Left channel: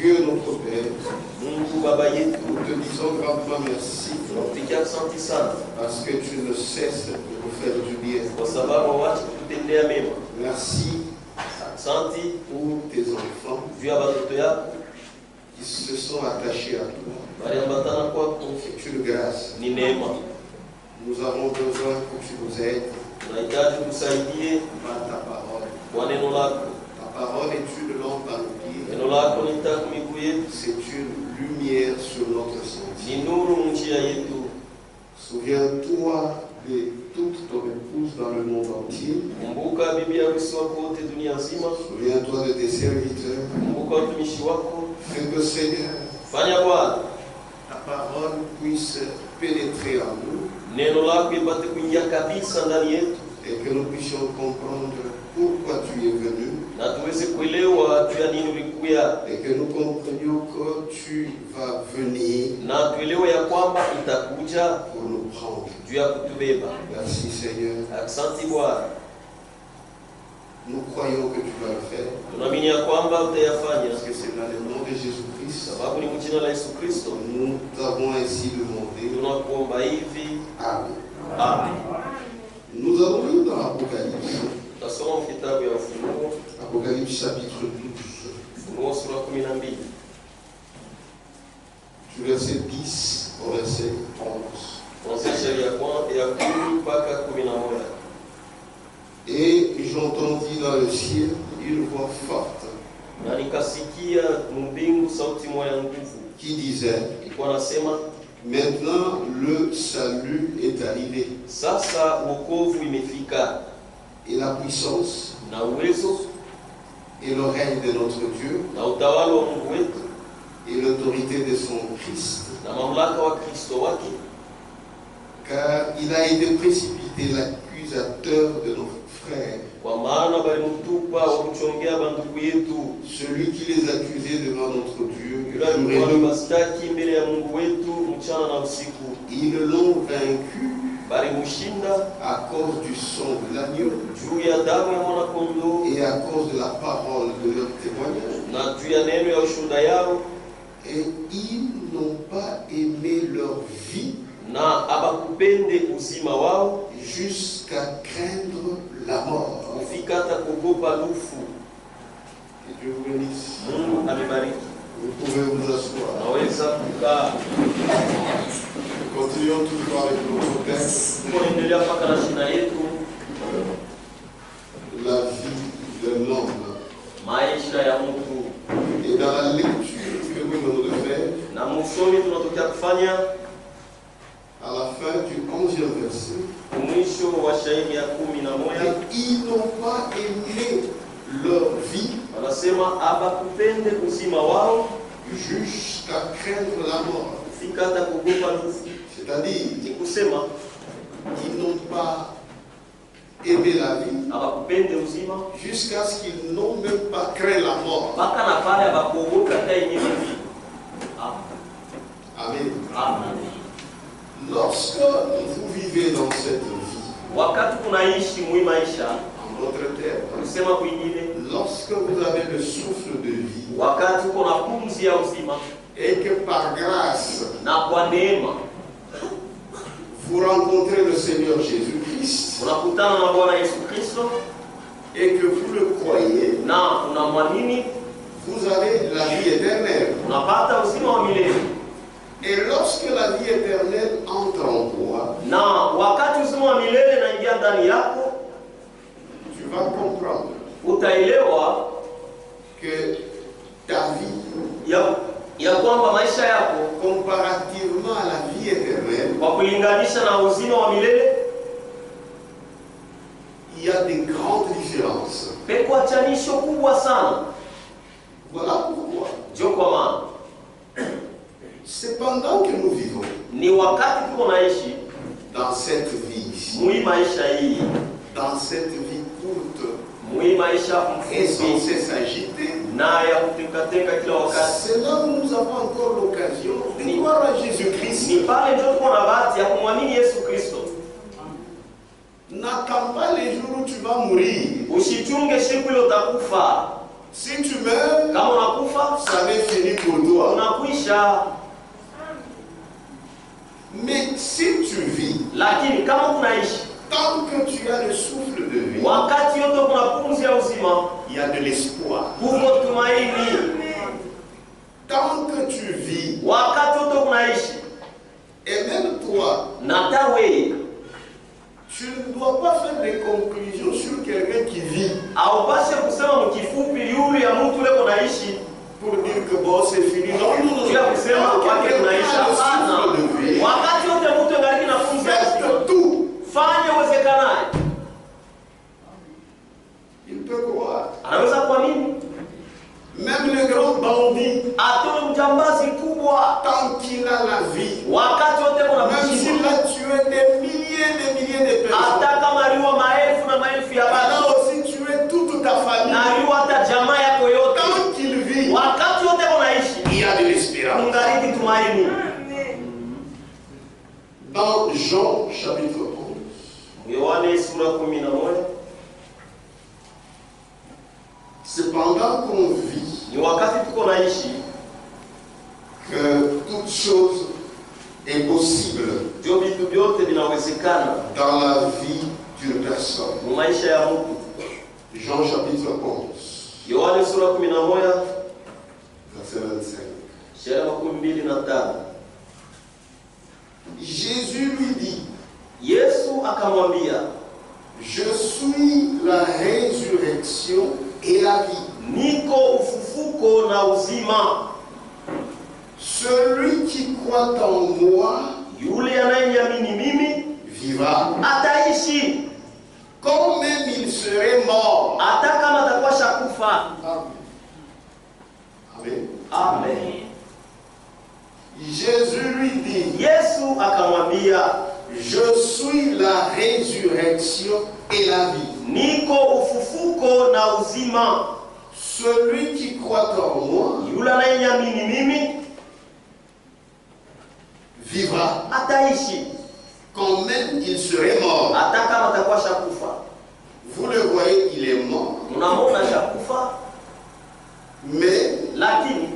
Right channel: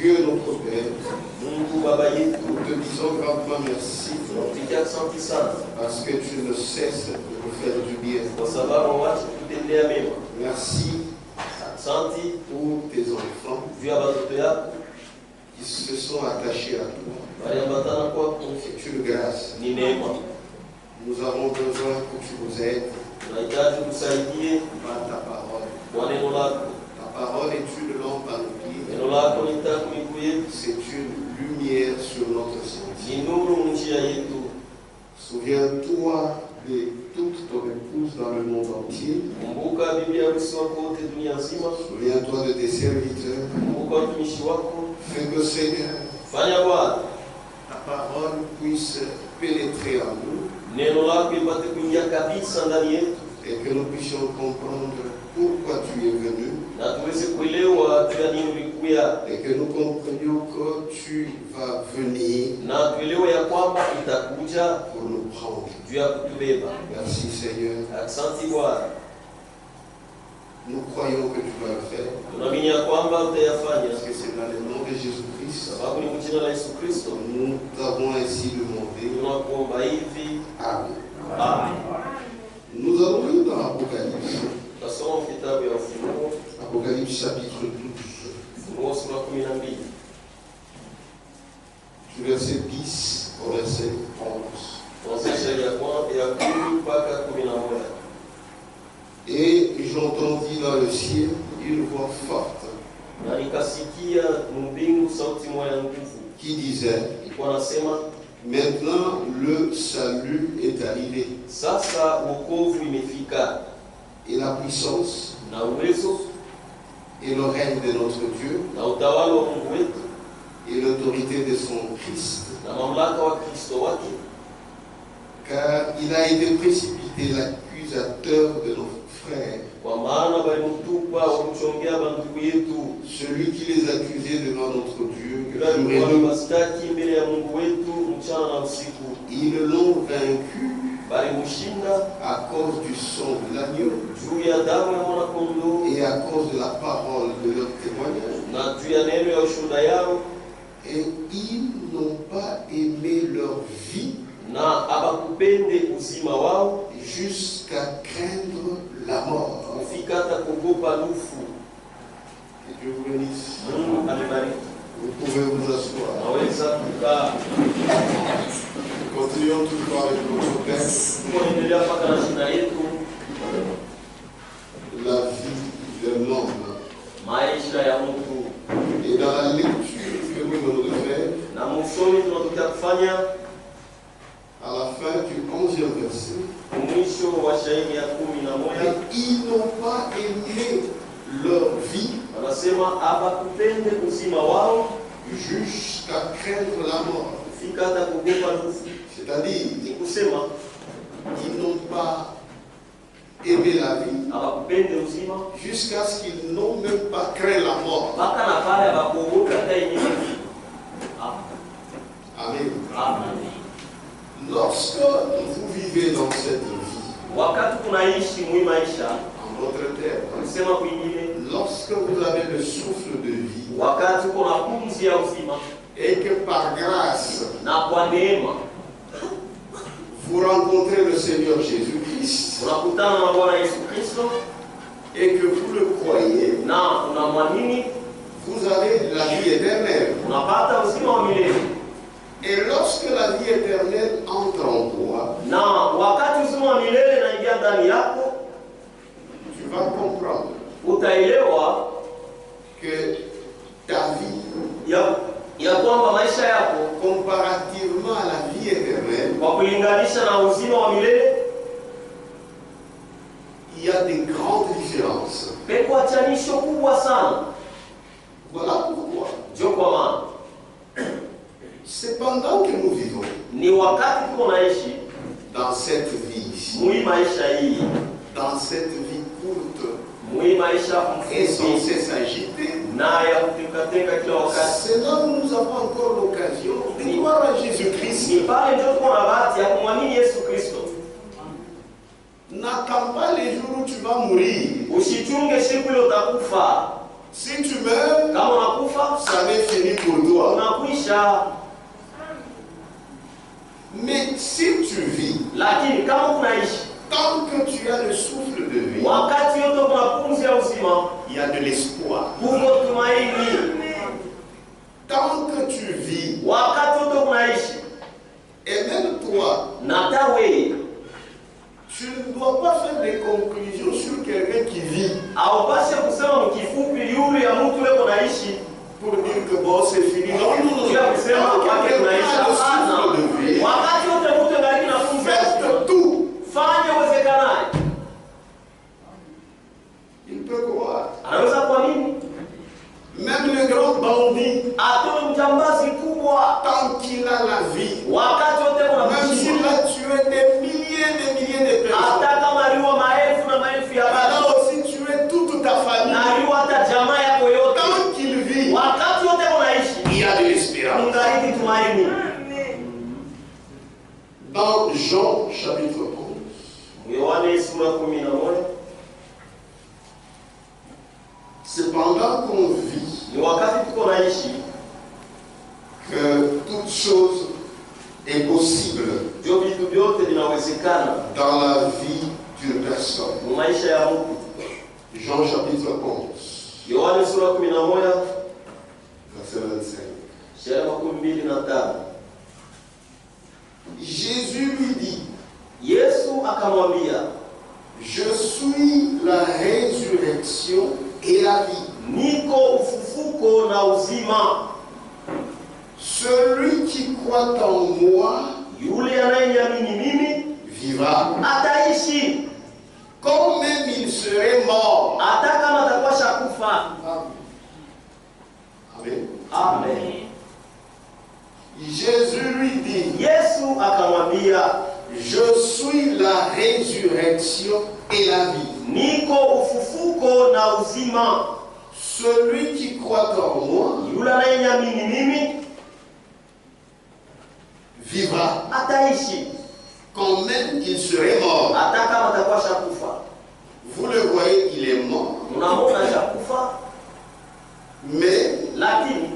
Dieu notre Père, Mungu Baba yetu, nous te disons grandement merci tunakupigia asante sana parce que tu ne cesses de nous faire du bien. kwa sababu hauachi kututendea mema. Merci Asante pour tes enfants juu ya watoto yako qui se sont attachés à toi. waliambatana kwako, C'est une grâce. ni neema. Nous avons besoin que tu nous aides Tunahitaji utusaidie par ta parole. kwa neno lako. Ta parole est une lampe à nos pieds. Neno lako ni taa kwa miguu yetu, C'est une lumière sur notre sentier. ni nuru njia yetu. Souviens-toi de toute ton épouse dans le monde entier. Kumbuka bibi harusi wako wote dunia nzima. Souviens-toi de tes serviteurs. Kumbuka watumishi wako. Fais que Seigneur, Fanya Bwana ta parole puisse pénétrer en nous neno lako ipate kuingia kabisa ndani yetu, et que nous puissions comprendre pourquoi tu es venu na tuweze kuelewa juu ya nini ulikuya, et que nous comprenions que tu vas venir na tuelewe ya kwamba itakuja pour nous prendre. juu ya kutubeba. Merci Seigneur. Asante Bwana, Nous croyons que tu vas le faire tunaamini ya kwamba utayafanya, parce que c'est dans le nom de Jésus-Christ. sababu ni mjina la Yesu Kristo Nous avons ainsi demandé. tunakuomba hivi. Amen. Amen. Nous allons lire dans l'Apocalypse. Tutasoma kitabu ya Ufunuo, Apocalypse chapitre 12. Ufunuo sura 12 Du verset 10 au verset 11. kuanzia shairi ya 10 mpaka 11. Et j'entendis dans le ciel une voix forte Na nikasikia mbingu sauti moja ya nguvu qui disait, ilikuwa nasema, maintenant le salut est arrivé sasa wokovu imefika et la puissance na uwezo et le règne de notre Dieu na utawala wa Mungu wetu et l'autorité de son Christ, na mamlaka wa Kristo wake, car il a été précipité l'accusateur de nos frères, kwa maana balimtupa wakuchongea bandugu yetu, celui qui les accusait devant notre Dieu yule jour et alikuwa nuit. bastaki mbele ya Mungu wetu mchana na usiku. Ils l'ont vaincu Balimushinda à cause du sang de l'agneau juu ya damu ya mwana-kondoo et à cause de la parole de leur témoignage. na juu ya neno ya ushuhuda yao, Et ils n'ont pas aimé leur vie na abakupende uzima wao jusqu'à craindre la mort. kufika hata kuogopa lufu. Que Dieu vous bénisse. Mungu amebariki. Vous pouvez vous asseoir. Naweza kukaa. Continuons toujours avec notre texte, Tunaendelea mpaka na shina yetu, la vie de l'homme. maisha ya mtu. Et dans la lecture que nous venons de faire, Na msomi tunatokea kufanya à la fin du 11e verset, mwisho wa shairi ya et 11, ils n'ont pas aimé leur vie wanasema abakupende uzima wao jusqu'à craindre la mort. kufika hata kuogopa lufu. C'est-à-dire, Ni kusema ils n'ont pas aimé la vie abakupende uzima jusqu'à ce qu'ils n'ont même pas craint la mort. mpaka na pale abakuogopa hata yenyewe. Amen. Amen. Lorsque vous vivez dans cette vie, Wakati tunaishi mwi maisha, en d'autres termes, kusema kwingine, lorsque vous avez le souffle de vie wakati uko na pumzi ya uzima et que par grâce na kwa neema vous rencontrez le Seigneur Jésus-Christ unakutana na Bwana Yesu Kristo et que vous le croyez, na unamwamini, vous avez la vie éternelle. unapata uzima wa milele. Et lorsque la vie éternelle entre en toi, Na wakati uzima wa milele naingia ndani yako, tu vas comprendre utaelewa que ta vie, ya kwamba maisha yako comparativement à la vie éternelle, kwa kulinganisha na uzima wa milele il y a des grandes différences. peko achanisho kubwa sana. Voilà pourquoi, Ndio kwa maana c'est pendant que nous vivons ni wakati tuko naishi dans cette vie ici, mwi maisha hii, dans cette vie courte mwi maisha et sans mfupi cesse agitée, na ya kutekateka kila wakati, c'est là où nous avons encore l'occasion de croire à Jésus-Christ. ni pale ndio tuko na bahati ya kumwamini Yesu Kristo. N'attends pas les jours où tu vas mourir. Usichunge siku ile utakufa. Si tu meurs, Kama unakufa, ça va finir njaa. Mais si tu vis, Lakini kama unaishi, tant que tu as le souffle de vie, wakati yote kuna pumzi ya uzima, il y a de l'espoir. kuko tumaini. Tant que tu vis, Wakati yote unaishi, et même toi, na tawe tu ne dois pas faire des conclusions sur quelqu'un qui vit haupashe kusema mkifupi yule ya mtu leo unaishi pour dire que bon, c'est fini. Non, non, non. juu ya kusema Tant que wake quelqu'un tunaishi. a le Hapana, souffle de vie, wakati yote mtu angaliki na pumzi ya uzima, faites tout. fanye uwezekanayo. Il peut croire. Anaweza kuamini Même le grand bandit, atoe mjambazi kubwa, tant qu'il a la vie, wakati wote kuna même s'il kushima, a tué des milliers de personnes, hata kama aliwa maelfu na maelfu ya il a watu aussi tué toute ta famille. na aliwa hata jamaa yako yote, Tant qu'il vit, wakati wote unaishi, il y a de l'espérance. ungaliki tumaini. Dans Jean chapitre 11, Yohane sura 11, c'est pendant qu'on vit ni wakati tuko naishi que toute chose est possible ndio vitu vyote vinawezekana dans la vie d'une personne. mu maisha ya mtu. Jean chapitre 11, Yohane sura 11 verset 25. shairi 25. Jésus lui dit, Yesu akamwambia, je suis la résurrection et la vie. niko ufufuko na uzima. Celui qui croit en moi Yule anayeniamini mimi vivra. ataishi, Quand même il serait mort. hata kama atakuwa shakufa. Amen. Amen. Jésus lui dit, Yesu akamwambia, je suis la résurrection et la vie. niko ufufuko na uzima. Celui qui croit en moi Yule anayeniamini mimi vivra. ataishi, Quand même il serait mort. hata kama atakuwa shakufa. Vous le voyez, il est mort. Unamwona shakufa, Mais lakini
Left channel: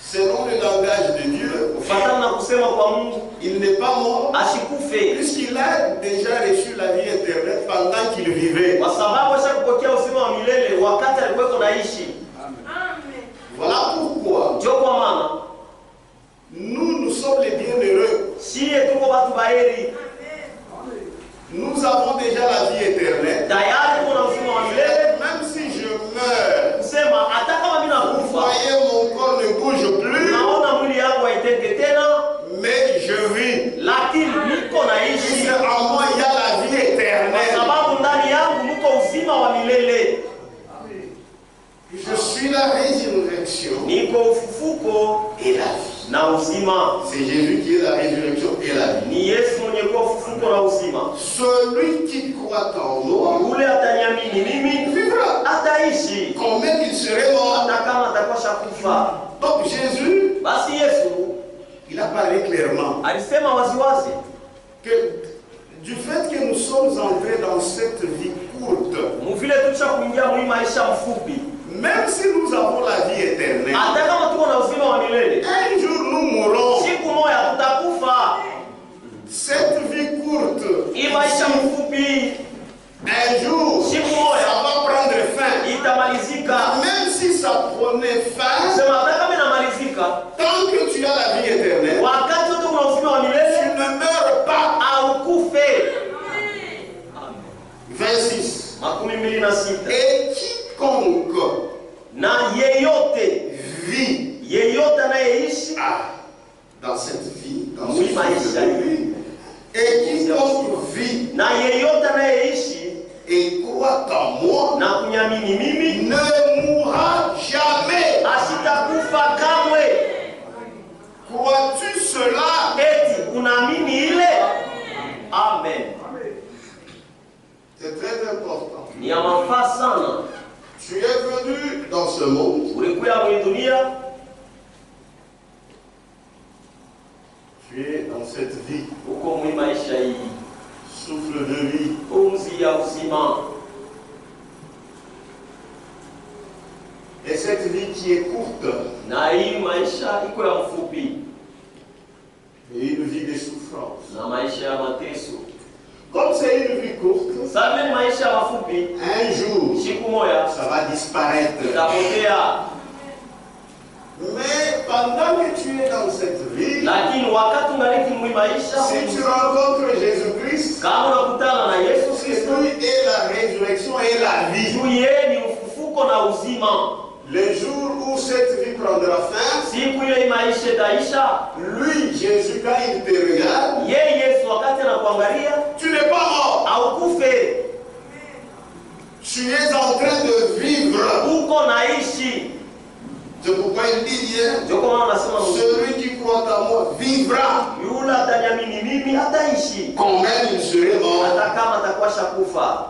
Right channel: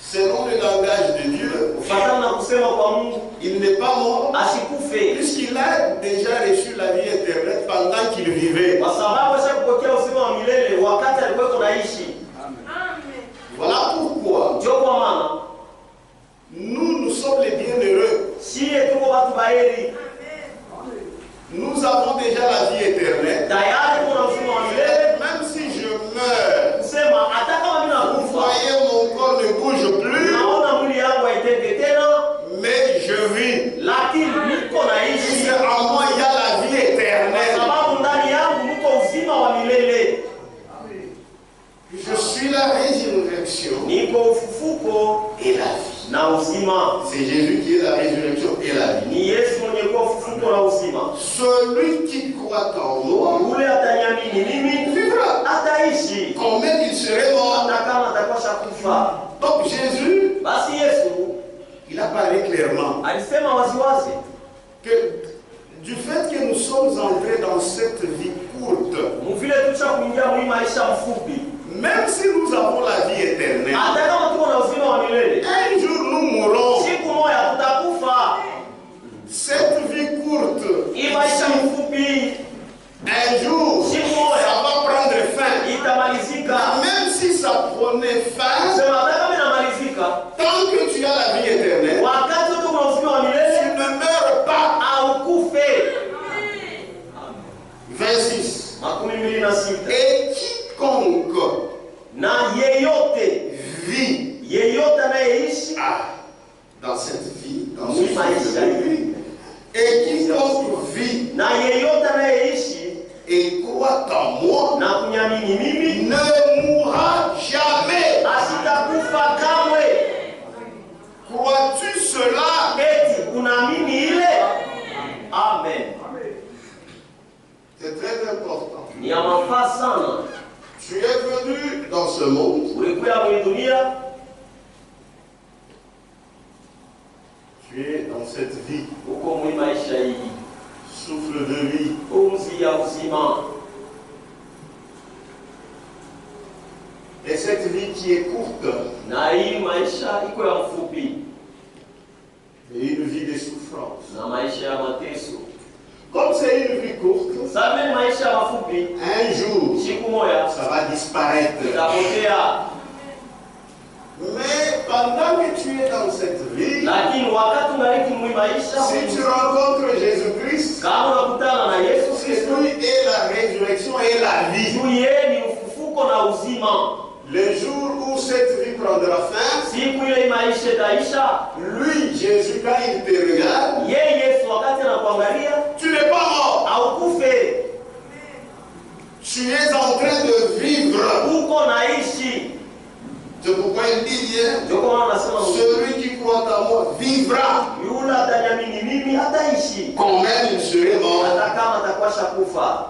selon le langage de Dieu, kufuatana na kusema kwa Mungu il n'est pas mort. asikufe, Puisqu'il a déjà reçu la vie éternelle pendant qu'il vivait. kwa sababu ashakupokea uzima wa milele wakati alikuwa naishi. Voilà pourquoi Ndio kwa maana nous sommes les bienheureux. shie tuko watu baheri, Nous avons déjà la vie éternelle. tayari tuko na uzima wa milele. Même si je meurs, Kusema hata kama mimi vous nakufa, voyez, mon corps ne bouge plus, naona mwili yangu haitende tena, mais je vis. lakini niko naishi En moi, il y a la vie kwa éternelle. sababu ndani yangu mko uzima wa milele. Je suis la résurrection Niko ufufuko et la vie. na uzima. C'est Jésus qui est la résurrection et la vie. Ni Yesu mwenye kuwa ufufuko na uzima. Celui qui croit en moi Yule ataniamini mimi vivra. ataishi, Quand même il serait mort. hata kama atakuwa shakufa. Donc Jésus, Basi Yesu il a parlé clairement alisema waziwazi que du fait que nous sommes entrés dans cette vie courte, muvile tucha kuingia mwi maisha mfupi, même si nous avons la vie éternelle, hata kama tuko na uzima wa milele, un jour nous mourrons. siku moja tutakufa. Cette vie courte, Hii maisha mfupi un jour, siku ça moja va prendre fin. itamalizika. Même si ça prenait fin, Sema hata kama inamalizika, tant que tu as la vie éternelle, wakati wote kuna uzima wa tu milele ne meurs pas. haukufe. 26. 26. Et quiconque Na yeyote vit anayeishi dans cette vie, dans Oui, ce maisha cycle de vie, et quiconque vit na yeyote anayeishi et croit en moi na kunyamini mimi ne mourra jamais. asitakufa kamwe. Crois-tu cela? Eti unaamini ile? Amen. C'est très important. Ni ya mafaa sana. Tu es venu dans ce monde, Ulikuwa mwenye dunia, tu es dans cette vie, uko mwi maisha hii, souffle de vie. pumzi ya uzima. Et cette cette vie qui est courte, na hii maisha iko ya mfupi, et une vie de souffrance. na maisha ya mateso. Comme c'est une vie courte, Sabe maisha mafupi, un jour, siku moja ça va disparaître. itapotea. Mais pendant que tu es dans cette vie, Lakini wakati ungaliki mwi maisha, si tu rencontres Jésus-Christ, kama unakutana na Yesu c'est Kristo, lui et la résurrection et la vie. juu yeye ni ufufuko na uzima. Le jour où cette vie prendra fin, Siku ile maisha itaisha, lui, Jésus, quand il te regarde, yeye Yesu wakati anakuangalia, tu n'es pas mort. haukufe, Tu es en train de vivre. uko naishi. C'est pourquoi il dit hier, Ndio kwa maana nasema celui qui croit en moi vivra, yule ataniamini mimi ataishi, quand même il serait mort. hata kama atakuwa shakufa.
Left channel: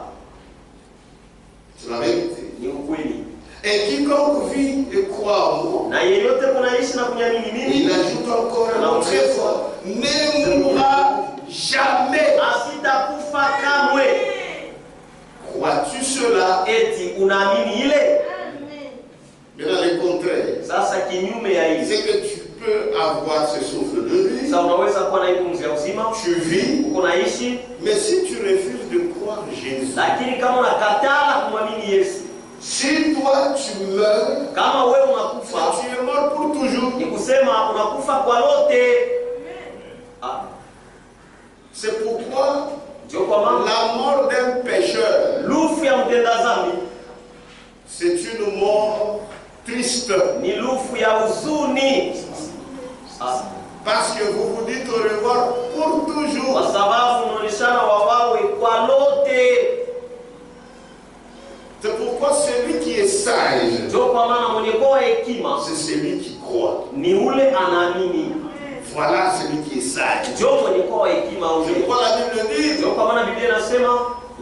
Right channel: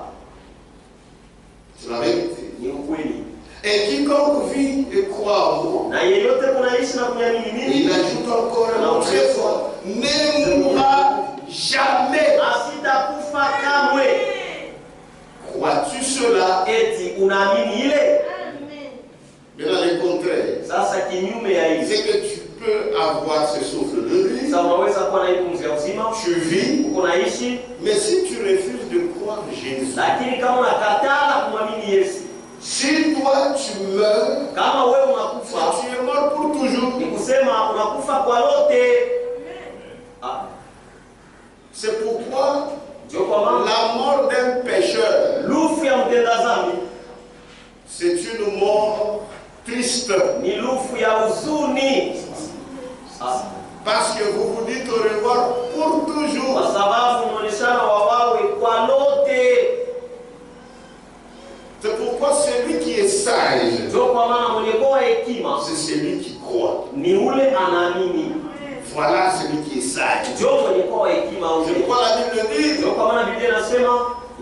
C'est la vérité. Ni ukweli. Et quiconque vit et croit en moi, Na yeyote kunaishi na kuniamini il mimi, ajoute encore un mot très fort, ne mourra jamais. asitakufa kamwe. Crois-tu cela? Eti unaamini ile? Mais dans le contraire, Sasa kinyume ya hivi, c'est que tu peux avoir ce souffle de vie, sasa unaweza kuwa na hii pumzi ya uzima, tu vis, uko naishi, mais si tu refuses de croire Jésus, lakini kama unakataa kumwamini Yesu, si toi tu meurs, kama wewe unakufa, tu es mort pour toujours. ni kusema unakufa kwa lote. Ah, C'est pourquoi ndio kwa maana la mort d'un pécheur, lufu ya mtenda dhambi c'est une mort triste. ni lufu ya huzuni. Ah, Parce que vous vous dites au revoir pour kwa toujours. sababu unaoneshana wawawe kwa lote. C'est pourquoi celui qui est sage, Ndio kwa maana mwenye kwa hekima c'est celui qui croit. ni ule anaamini. Voilà celui qui est sage. Ndio mwenye kwa hekima C'est ule. pourquoi la Bible dit, Ndio kwa maana Biblia inasema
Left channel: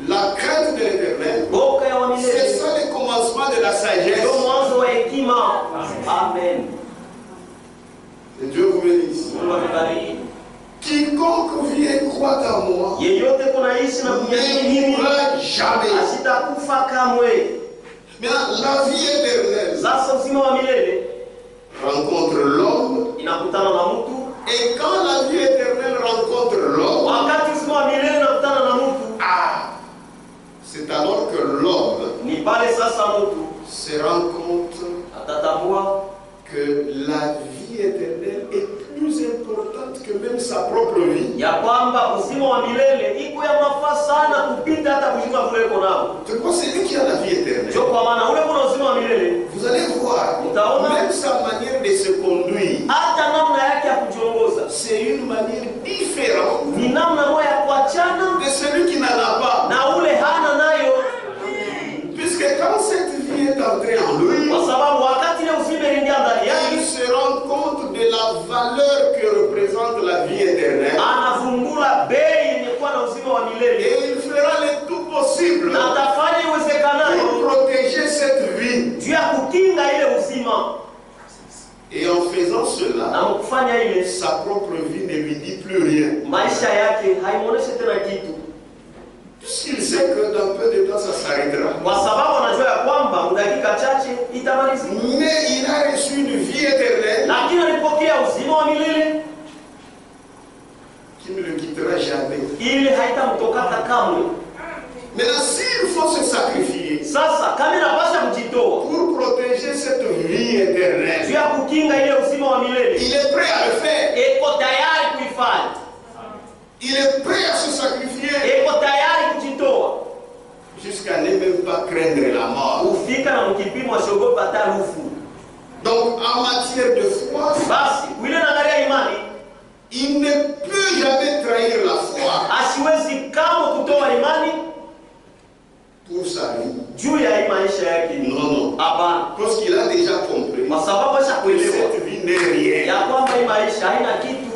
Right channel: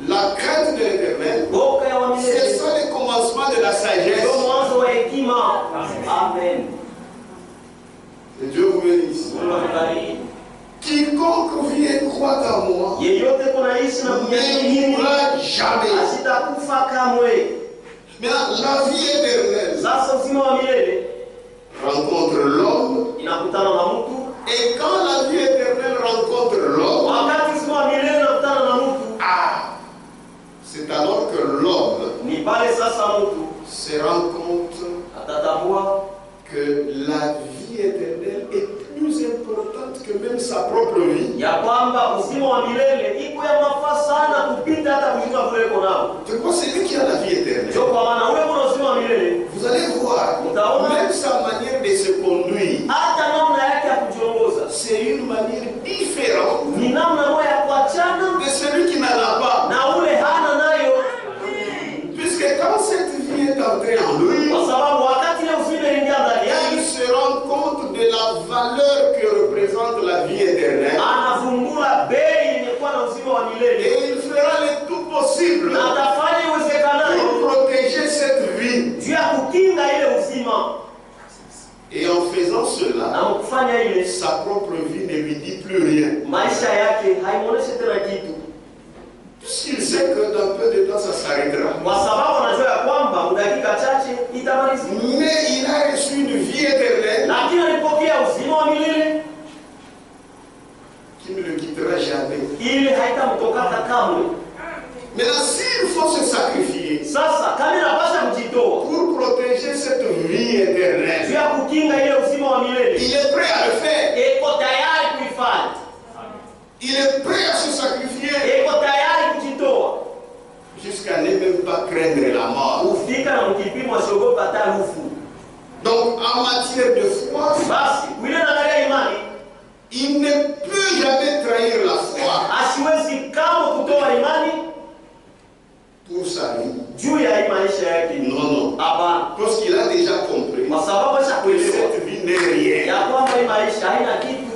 la crainte de l'éternel, boka ya c'est wamilele ça le commencement de la sagesse. ndio mwanzo wa hekima. Amen. Que Dieu vous bénisse. Mungu akubariki. Quiconque vit et croit en moi Yeyote kunaishi na kuniamini ne mimi mourra jamais. asitakufa kamwe. Maintenant, la vie éternelle Sasa uzima wa milele rencontre l'homme. inakutana na mtu, Et quand la vie éternelle rencontre l'homme, wakati uzima wa milele inakutana na mtu, c'est alors que l'homme ni pale sasa mtu se rend compte atatambua que la vie éternelle est plus importante que même sa propre vie. ya kwamba uzima wa milele iko ya mafaa sana kupita hata uzima kule uko nao. C'est quoi celui qui a la vie éternelle? Ndio kwa maana ule kuna uzima wa milele, Vous allez voir, même sa manière de se conduire, hata namna yake ya kujiongoza c'est une manière différente ni namna moja ya kuachana de celui qui n'en a pas. na ule hana nayo, Puisque quand cette vie est entrée en lui, kwa sababu wakati ile uzima iliingia ndani il yake, se rend compte de la valeur que représente la vie éternelle. anavumbula bei yenye kuwa na uzima wa milele, Et il fera le tout possible na atafanya iwezekanayo pour protéger cette vie. juu ya kukinga ile uzima, Et en faisant cela, na mkufanya ile sa propre vie ne lui dit plus rien. maisha yake haimwoneshe tena kitu, Puisqu'il sait que dans peu de temps, ça s'arrêtera. kwa sababu anajua ya kwamba dakika chache itamalizika. Mais il a reçu une vie éternelle Lakini alipokea uzima wa milele qui ne le quittera jamais. ili haitamtokata kamwe. Maintenant, s'il faut se sacrifier Sasa kama inapasha kujitoa pour protéger cette vie éternelle, juu ya kukinga ile uzima wa milele, il est prêt à le faire. iko tayari kuifanya, Il est prêt à se sacrifier iko tayari kujitoa jusqu'à ne même pas craindre la mort. kufika na mkipimo asiogopa hata rufu. Donc, en matière de foi, Basi wile naangalia imani, il ne peut jamais trahir la foi asiwezi kama kutoa imani pour sa vie. juu ya hii maisha yake. Non, non. Hapana, Parce qu'il a déjà compris kwa sababu que ashakuelewa cette vie n'est rien. ya kwamba hii maisha haina kitu,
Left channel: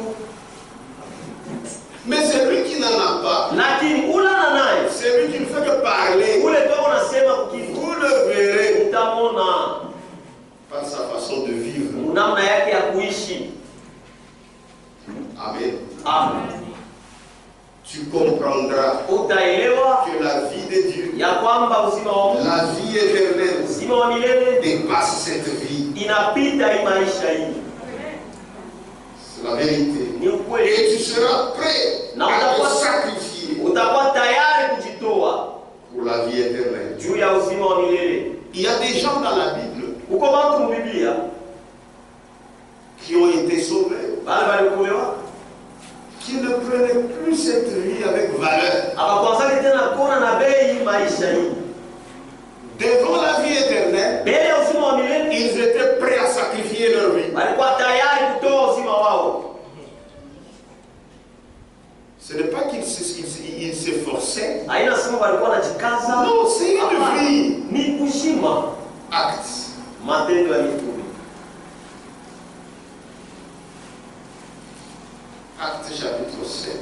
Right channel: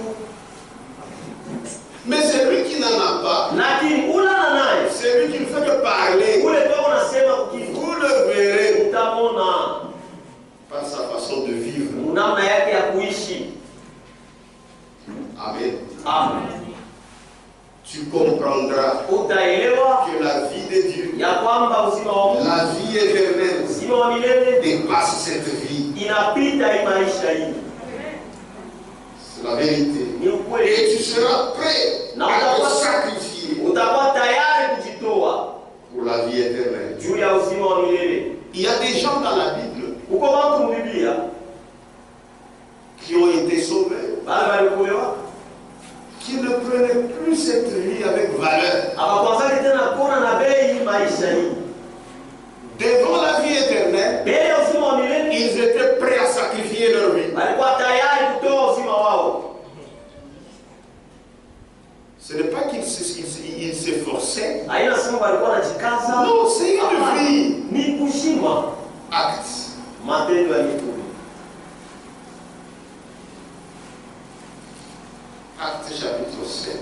Mais celui qui n'en a pas, lakini ulana naye celui qui ne fait que parler, ule ndio unasema kukifu, vous le verrez utamona par sa façon de vivre. namna yake ya kuishi. Amen. Amen. Tu comprendras Utaelewa que la vie de Dieu, ya kwamba uzima wa Mungu, la vie éternelle, uzima wa milele dépasse cette vie. inapita hii maisha hii. C'est la vérité. Ni ukweli. Et tu seras prêt à te sacrifier Utakuwa tayari kujitoa pour la vie éternelle. juu ya uzima wa milele. Il y a des gens dans la Bible Uko watu mu Biblia qui ont été sauvés, bale waliokolewa qui ne prenaient plus cette vie avec valeur. abakwanzake tena kuona na bei maisha hii. Devant la vie éternelle, Mbele ya uzima wa milele ils étaient prêts à sacrifier leur vie. walikuwa tayari kutoa uzima wao. Ce n'est pas qu'ils s'efforçaient. Haina sema walikuwa wanajikaza. Non, c'est une vie. Ni kushima. Acte. Matendo ya Mitume. Acte chapitre 7.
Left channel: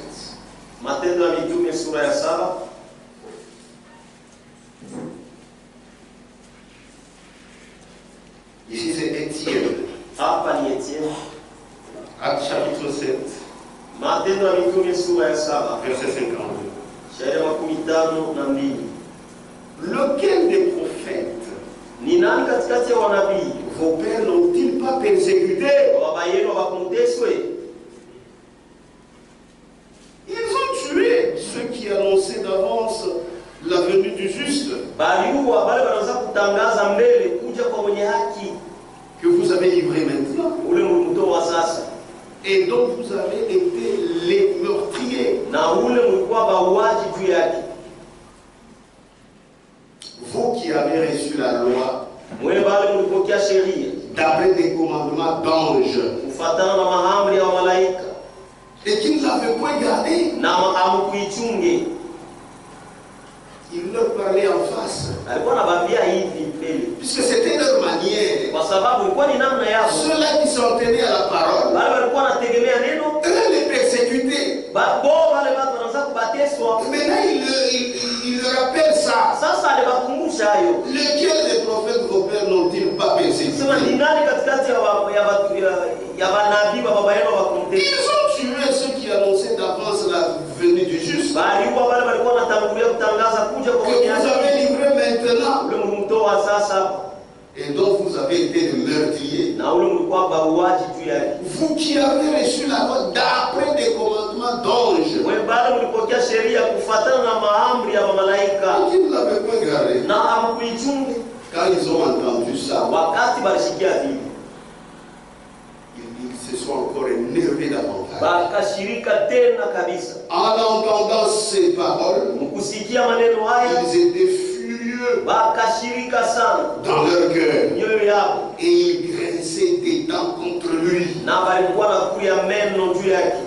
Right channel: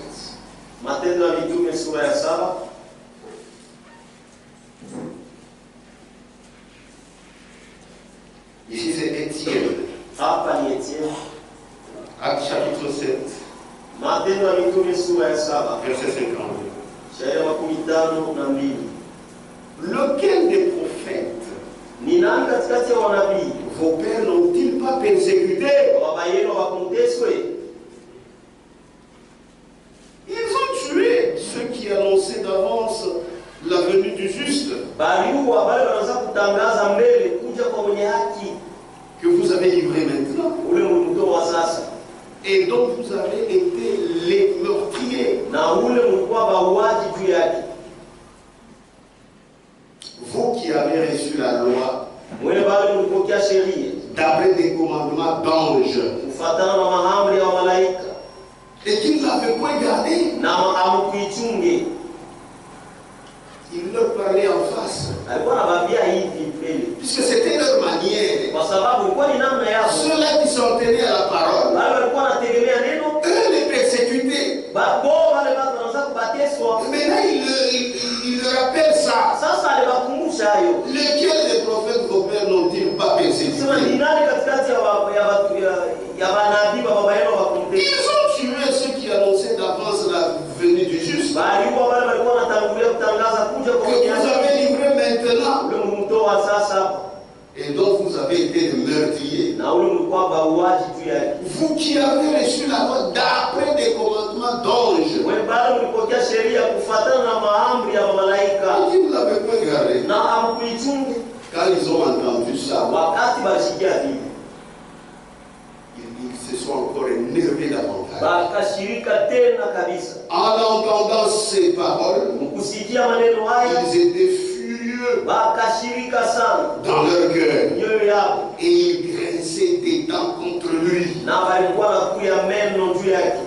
Matendo ya Mitume sura ya 7. Ici c'est Étienne. Hapa ni Etienne. Acte chapitre 7. Matendo ya Mitume sura ya 7. Verset 52. Shairi wa 52. Lequel des prophètes Ni nani katikati ya wanabii vos pères n'ont-ils pas persécuté? baba yenu wakumteswe? Ils ont tué ceux qui annonçaient d'avance la venue du juste, Baliua bale wanaanza kutangaza mbele kuja kwa mwenye haki, que vous avez livré maintenant, ule mlikutoa wa sasa, et dont vous avez été les meurtriers. na ule mlikuwa bauaji juu yake. Vous qui avez reçu la loi Mwele bale mlipokea sheria d'après des commandements d'anges, kufuatana na maamri ya malaika et qui ne l'avaient point gardé, na hamkuichunge. il leur parlait en face, Alikuwa anabambia hivi mbele, puisque c'était leur manière. kwa sababu ilikuwa ni namna yao. Ceux-là qui s'en tenaient à la parole, Wale walikuwa wanategemea neno, eux les persécutés. bo wale watu wanaanza kubateswa. Maintenant, il leur rappelle ça. Sasa aliwakumbusha hayo. Lesquels des prophètes vos pères n'ont-ils pas persécuté? Sema ni nani katikati ya manabii wa baba yenu wakumtesa? Ils ont tué ceux qui annonçaient d'avance la venue du juste, Baliua wale walikuwa wanatangulia kutangaza kuja kwa que mwenye vous haki, avez livré maintenant, ule mlitoa sasa, et dont vous avez été des meurtriers. na ule mlikuwa bauaji juu yake. Vous qui avez reçu la loi d'après des commandements d'anges, Wewe bado mlipokea sheria kufuatana na maamri ya malaika qui ne l'avaient pas gardé. na hamkuichunga. Quand ils ont entendu ça, Wakati balishikia hivi, ils se sont encore énervés davantage. bakashirika tena kabisa. En entendant ces paroles, Mkusikia maneno haya, ils étaient furieux bakashirika sana dans leur cœur. mioyo yao, Et ils grinçaient des dents contre lui. na walikuwa nakuya meno juu yake.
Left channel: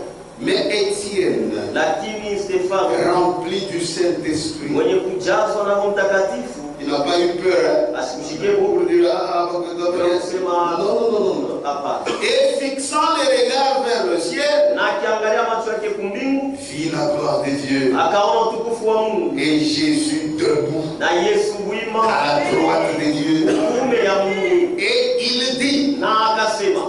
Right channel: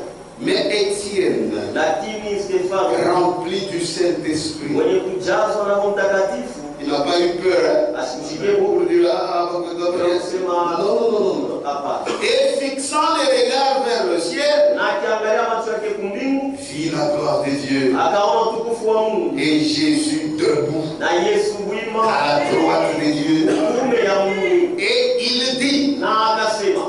Mais Étienne, Lakini Stefano rempli du Saint-Esprit, mwenye kujazwa na Roho Mtakatifu il n'a pas eu peur. asimshikie Pour Mungu dire, ah, kusema non. hapana, Et fixant les regards vers le ciel, na akiangalia macho yake kumbingu, vit la gloire de Dieu. akaona utukufu wa Mungu Et Jésus debout na Yesu wima à la droite de Dieu. kuume ya Mungu, Et il dit, na akasema,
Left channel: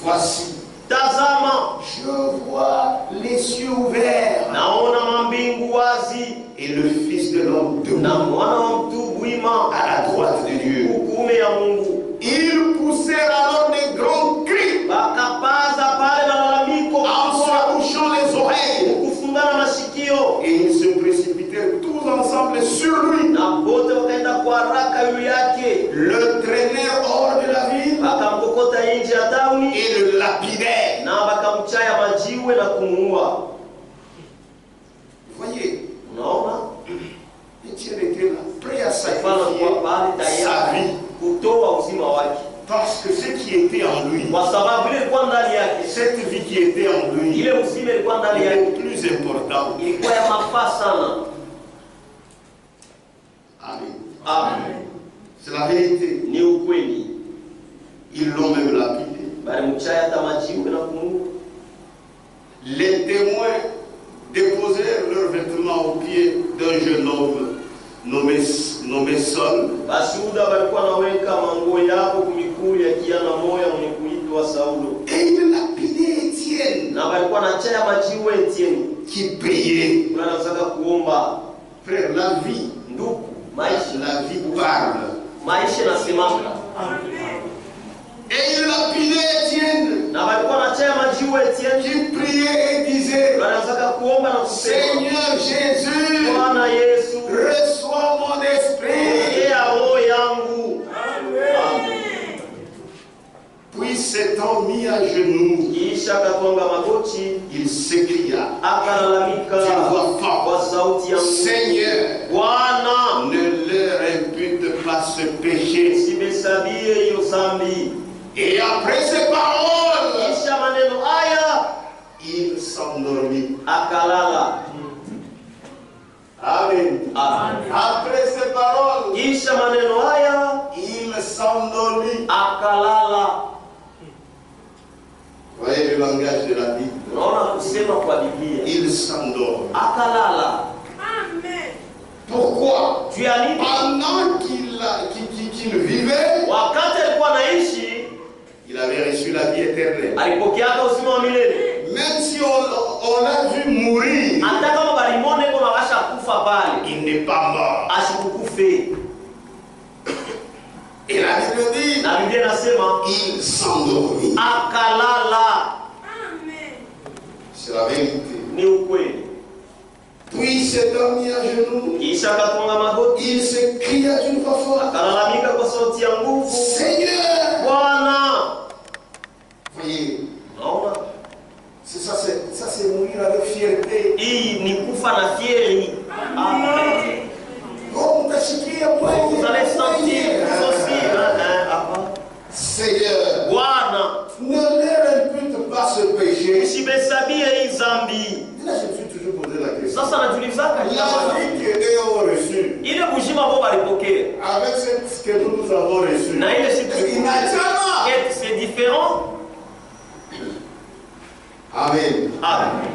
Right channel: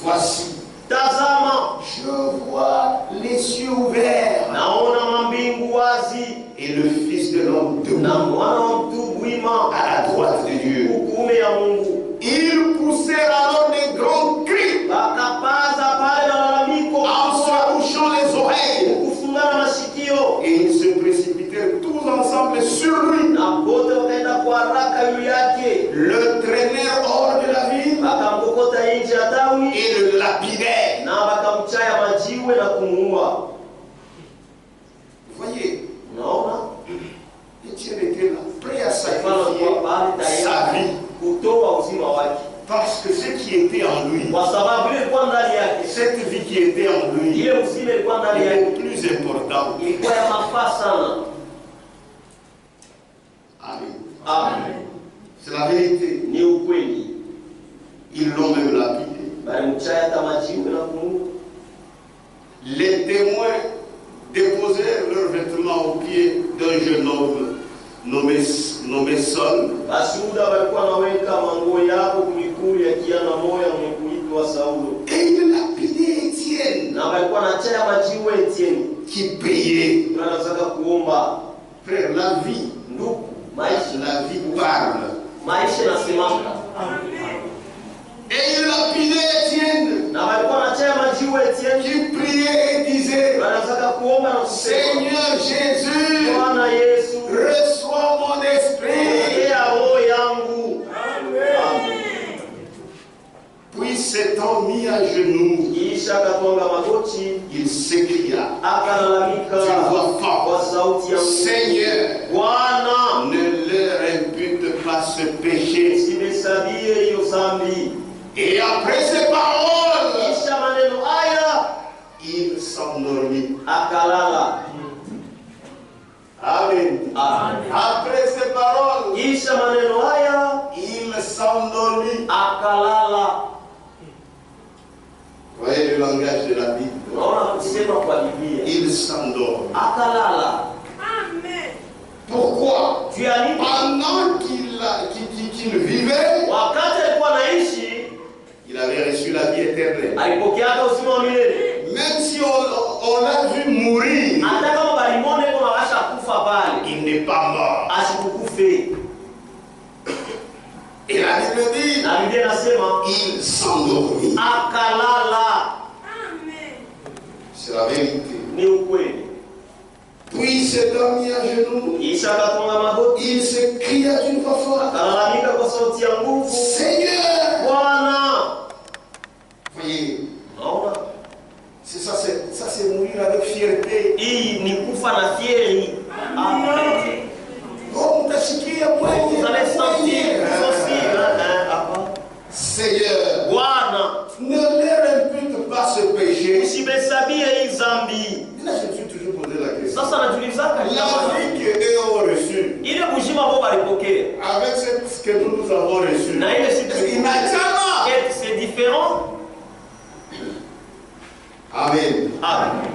voici, tazama, je vois les cieux ouverts naona mambingu wazi et le Fils de l'homme na debout mwana wa mtu wima à la droite de Dieu. kuume ya Mungu. Ils poussèrent alors des grands cris Bakapaza pale malalamiko en se bouchant les oreilles. kufungana mashikio, Et ils se précipitèrent tous ensemble sur lui, na wote wakaenda kwa haraka juu yake, le traînèrent hors de la ville bakamkokota nje ya tauni et le lapidèrent. na bakamchaya majiwe na kumuua. Voyez, Unaona, Étienne était là, prêt à Stefano sacrifier alikuwa pale sa tayari vie, kutoa uzima wake, parce que ce qui était en lui, kwa sababu ile ilikuwa ndani yake, cette vie qui était en lui, ile uzima ilikuwa ndani yake, est plus important. ilikuwa ya mafaa sana. Amen. Amen. C'est la vérité. Ni ukweli, Ils l'ont même lapidé. balimchaya hata majiwe na kumuua. Les témoins déposèrent leurs vêtements aux pieds d'un jeune homme nommé Saul. Bashuhuda walikuwa naweka manguo yao kumikulu ya kijana moya mwenye kuitwa Saulo, Et ils lapidaient Étienne, na walikuwa na chaya majiwe Etienne, qui priait. wanataka kuomba. Frère, la vie, Ndugu, maisha la vie parle. maisha nasemaka. Et Jésus, Bwana Yesu, reçois mon esprit. pokea roho yangu. Puis s'étant mis à genoux, Kisha akatwanga magoti, il s'écria akalalamika d'une voix kwa forte, sauti ya nguvu, Seigneur, Bwana, ne leur impute pas ce péché. usihesabie hiyo dhambi. Et après ces paroles, Kisha maneno haya il s'endormit. akalala. Amen. Amen. Après ces paroles, Kisha maneno haya il s'endormit. akalala. Voyez le langage de la Bible. Unaona kusema kwa Biblia, Il s'endort. akalala. Pourquoi? Juu ya nini? Pendant qu'il vivait, Wakati alikuwa anaishi il avait reçu la vie éternelle. alipokeaka uzima wa milele. Même si on l'a vu mourir, Hata kama balimone kwa mawasha kufa pale, il n'est pas mort. asikukufe. Et la Bible dit, Na Biblia inasema il s'endormit. akalala. C'est la vérité. Ni ukweli. Puis s'étant mis à genoux, Kisha akatunga magoti, il s'écria d'une voix forte, akalalamika kwa sauti ya nguvu, Seigneur! Bwana. Voyez, Unaona? ça c'est mourir avec fierté. Hii ni kufa na fieri. Amen. Oh, mtasikia mwenye. Vous allez sentir vous aussi, hapa. Seigneur, Bwana, ne leur impute pas ce péché. usibesabie hii dhambi. Là, je me suis toujours posé la question. Sasa najulizaka La vie que eux ont reçue, ile bujima ambao walipokea avec ce que nous avons reçu, na ile siku il n'a jamais. c'est différent. Amen. Amen.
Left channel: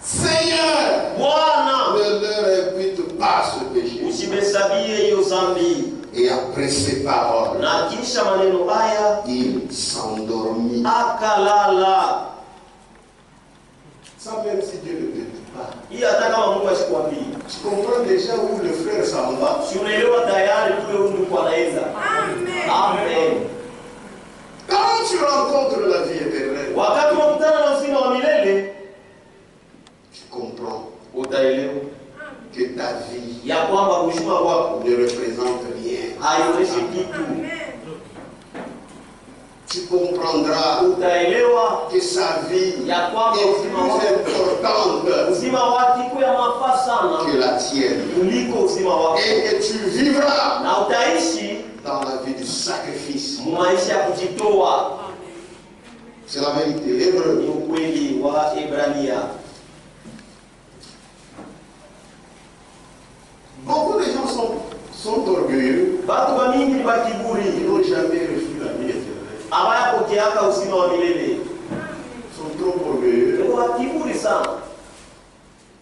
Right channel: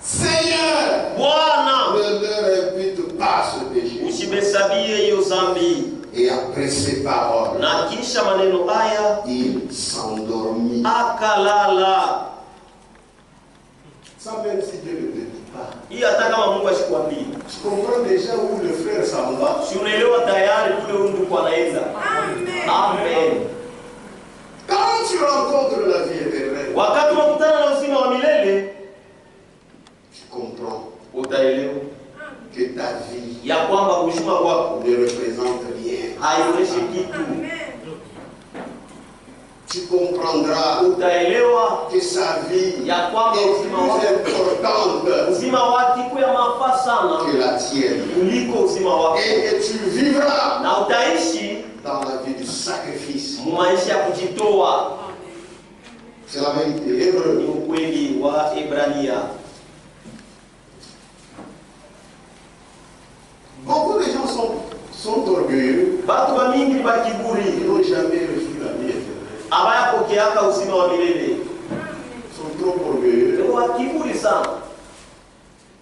Seigneur, Bwana, ne leur impute pas ce péché. usibesabie hiyo dhambi. Et après ces paroles, Na kisha maneno haya il s'endormit. akalala. Ça, même si Dieu ne te dit pas. Hii hata kama Mungu asikwambie, Tu comprends déjà où le frère s'en va. si unaelewa tayari kule huyu ndugu anaenda. Amen. Quand tu rencontres la vie éternelle, Wakati unakutana na uzima wa milele, tu comprends utaelewa que ta vie ya kwamba uzima wako ne représente rien. haionyeshi kitu. Tu comprendras Utaelewa que sa vie ya kwamba est uzima wako, plus importante uzima wake iko ya mafaa sana que la tienne. kuliko uzima wako, Et que tu vivras na utaishi dans la vie du sacrifice. maisha ya kujitoa. C'est la vérité. L'hébreu. Ni ukweli wa Ibrania. Beaucoup de gens sont orgueilleux. Batu ba mingi ni Ils bakiburi, n'ont jamais reçu la vie éternelle. abayapokeaka uzima wa milele. Ils sont trop orgueilleux. Ndio bakiburi sana.